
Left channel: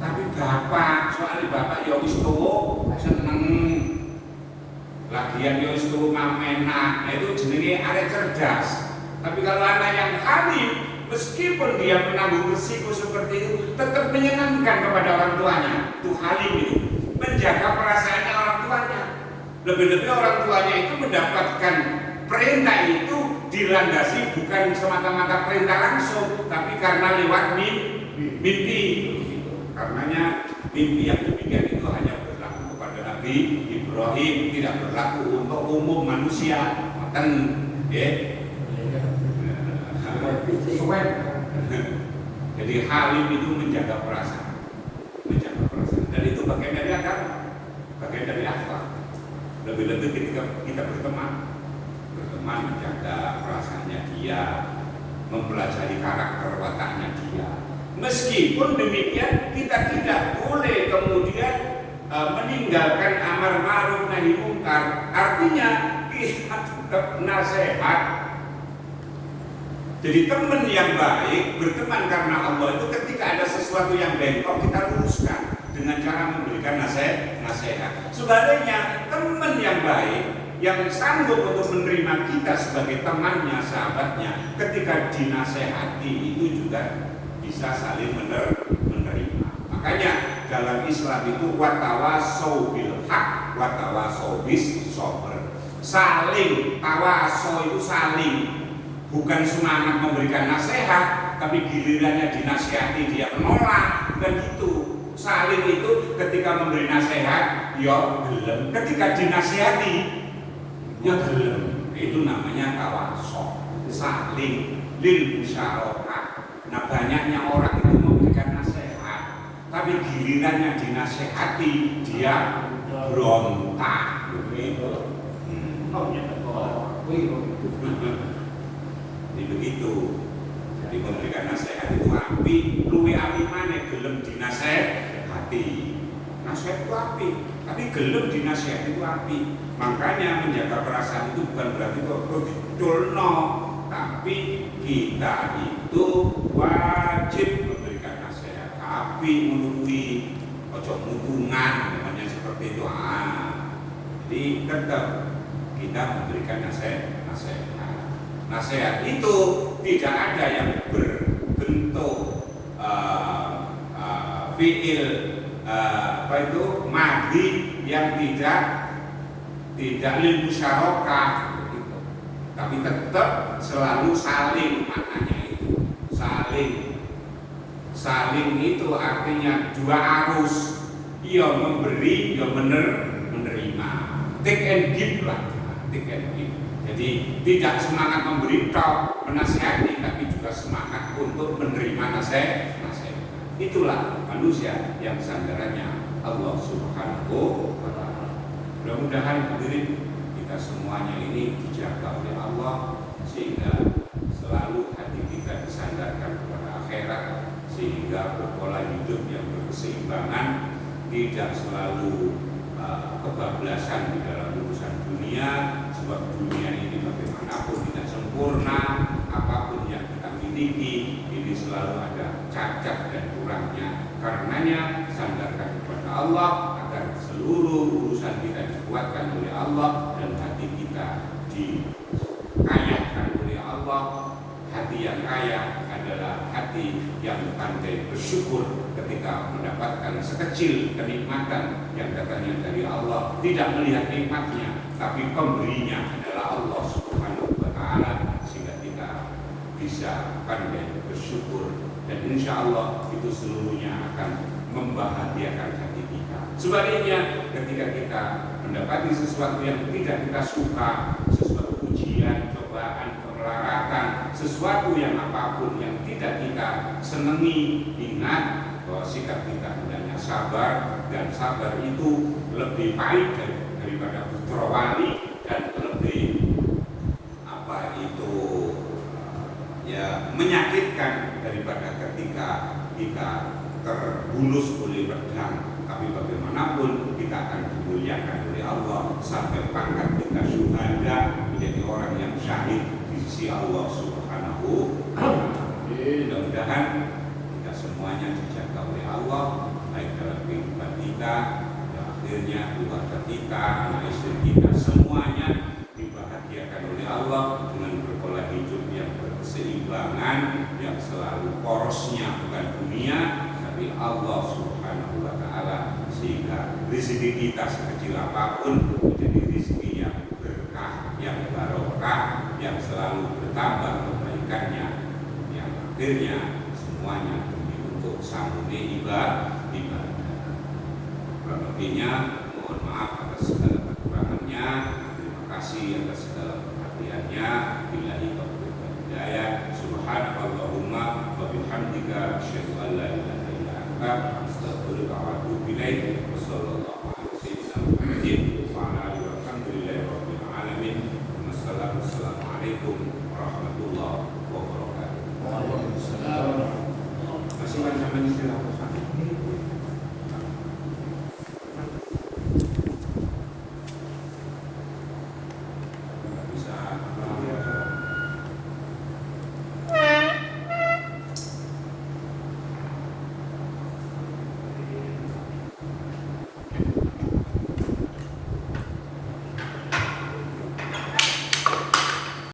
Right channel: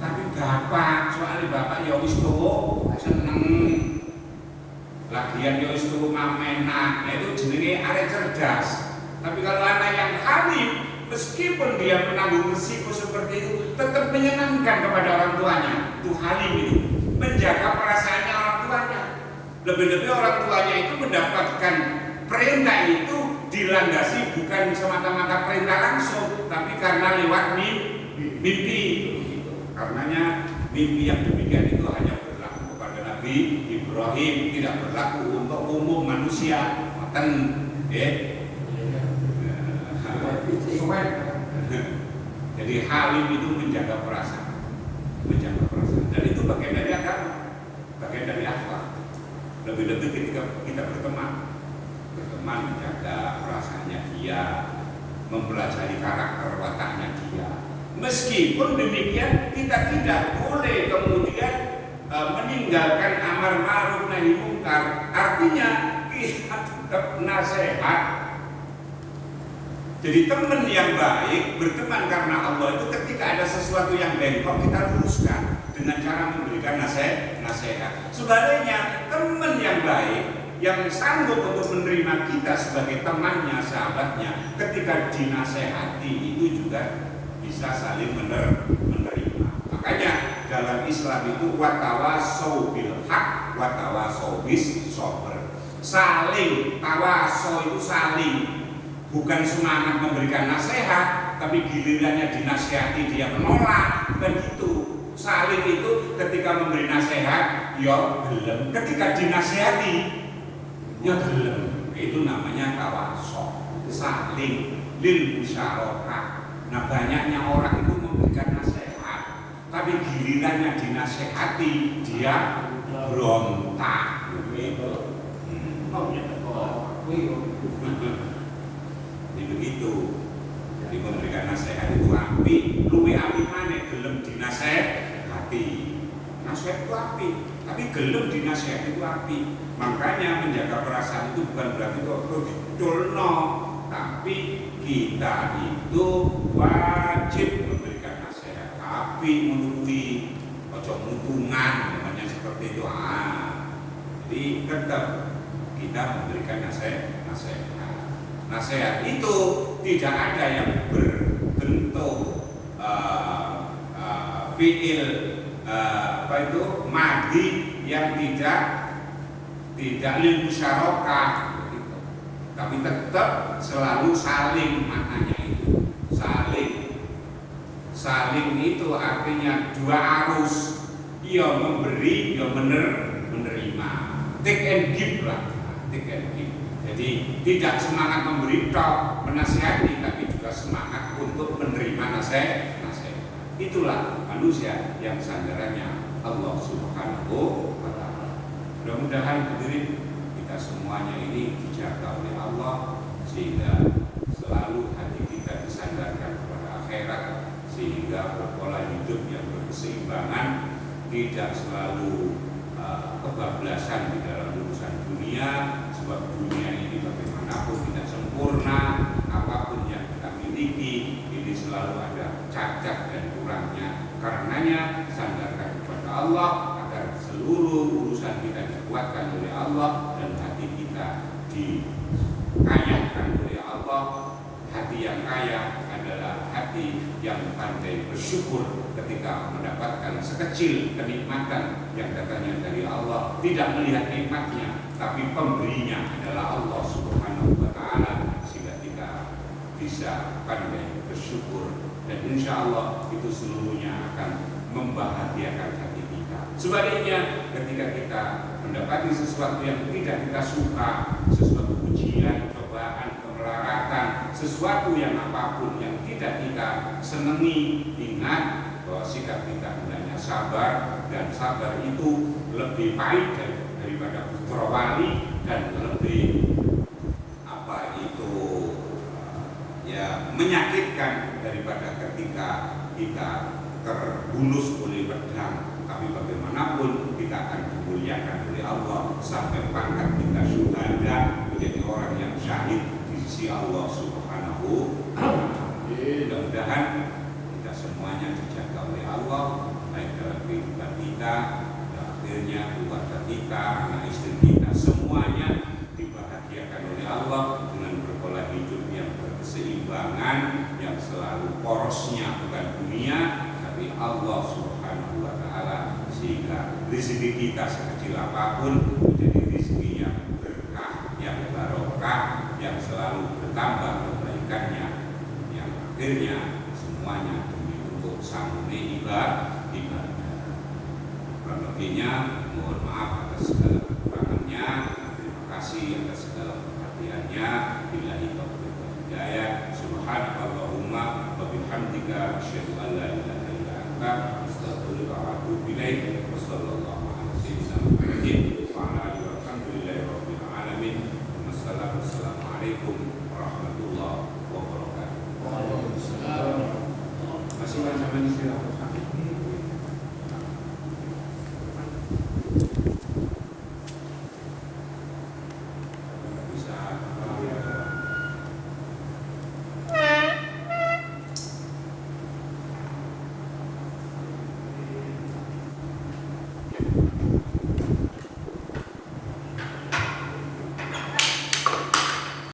Tapi bapak, soalnya bapak ya wis tuwa, seneng. Lagian ya wis tuwa enak, itu jenenge arek cerdas. Tapi kalau anak yang halim, meskipun dia menanggung risiko seperti itu, tetap menyenangkan kepada orang tuanya. Itu halim itu, menjaga perasaannya orang tuanya. Lebih-lebih orang tuanya itu mendapatkan perintah itu dilandasi bukan semata-mata perintah langsung, tapi karena lewat mimpi. Karenanya mimpi yang demikian itu hanya berlaku kepada Nabi Ibrahim, tidak berlaku untuk umum manusia. Jadi halim itu menjaga perasaan, dan itu bagian dari agama, bagian dari akhlak. Lebih-lebih ketika kita berteman menjaga perasaannya dia, mempelajari karakter wataknya dia. Meskipun demikian, kita tidak boleh kemudian meninggalkan amar ma'ruf nahi munkar. Artinya kita tetap nasihat. Jadi teman yang baik, berteman karena Allah itu ketika ada sesuatu yang baik, kok kita luruskan dengan cara memberikan nasihat. Sebaliknya teman yang baik, yang sanggup untuk menerima kita sebagai temannya, sahabatnya, ketika dinasehati itu juga bisa saling menerima. Makanya dalam Islam itu watawasau bil haq, watawasau bis sabr. Saling tawaso itu saling, bukan semangat memberikan nasihat, tapi gilirannya dinasihati dia menolak, bukan itu. Saling itu ketika memberi nasihat, ya gelem. Ketika dinasihati, ya gelem. Itu namanya tawaso, saling lil musyarakah. Nah, banyaknya orang itu memberikan nasihat, tapi gilirannya dinasihati dia berontak, begitu. Jadi begitu. Jadi memberikan nasihat itu api, luwe api maneh gelem dinasehati. nasihat itu api, tapi gelem dinasihat itu api. Makanya menjaga perasaan itu bukan berarti kok ditulno, tapi kita itu wajib memberikan nasihat api, menunjukkan ojo mutungan, namanya seperti itu. Jadi tetap kita memberikan nasihat. Nasihat itu tidak ada yang berbentuk fiil madi yang tidak lil musyarakah gitu. Tapi tetap selalu saling, maknanya itu saling itu artinya dua arus, ia memberi, ia menerima, take and give lah, take and give. Jadi tidak semangat memberi tok, menasihati, tapi juga semangat untuk menerima nasihat. Itulah manusia yang sandarannya Allah Subhanahu wa Ta'ala. Mudah-mudahan hadirin kita semuanya ini dijaga oleh Allah sehingga selalu hati kita disandarkan kepada akhirat, sehingga pola hidup yang berkeseimbangan, tidak selalu kebablasan di dalam urusan dunia, sebab dunia ini bagaimanapun tidak sempurna, apapun yang kita miliki ini selalu ada cacat dan kurangnya. Karenanya sandarkan kepada Allah agar seluruh urusan kita dikuatkan oleh Allah dan hati kita dikayakan oleh Allah. Hati yang kaya adalah hati yang pandai bersyukur ketika mendapatkan sekecil kenikmatan yang datangnya dari Allah, tidak melihat nikmatnya, tapi pemberinya adalah Allah Subhanahu wa Ta'ala, sehingga kita bisa pandai bersyukur, dan insya Allah itu seluruhnya akan membahagiakan hati kita. Sebaliknya, ketika kita mendapati sesuatu yang tidak kita suka, sesuatu ujian, cobaan, kemelaratan, sesuatu yang apapun yang tidak kita senangi, ingat bahwa sikap kita hendaknya sabar, dan sabar itu lebih baik daripada putra wali, dan lebih menyakitkan daripada ketika kita terbulus oleh pedang. Tapi bagaimanapun kita akan dimuliakan oleh Allah sampai pangkat kita syuhada, menjadi orang yang syahid di sisi Allah Subhanahu wa Ta'ala. Mudah-mudahan kita semuanya dijaga oleh Allah, baik dalam kehidupan kita, akhirnya keluarga kita, anak istri kita, semuanya dibahagiakan oleh Allah dengan berpola hidup yang berkeseimbangan, yang selalu porosnya bukan dunia tapi Allah Subhanahu wa Ta'ala, sehingga rezeki kita sekecil apapun menjadi rezeki yang berkah, yang barokah, yang selalu bertambah kebaikannya, yang akhirnya semuanya untuk sambungan ibadah. Lebihnya mohon maaf atas segala kekurangannya, terima kasih atas segala perhatiannya. Billahi taufiq wal hidayah. Subhanallahumma wa bihamdika asyhadu an la ilaha illa anta astaghfiruka wa atubu ilaik. Wassallallahu ala sayyidina Muhammadin wa ala alihi walhamdulillahi rabbil alamin. Wassalamualaikum warahmatullahi wabarakatuh. Masih banyak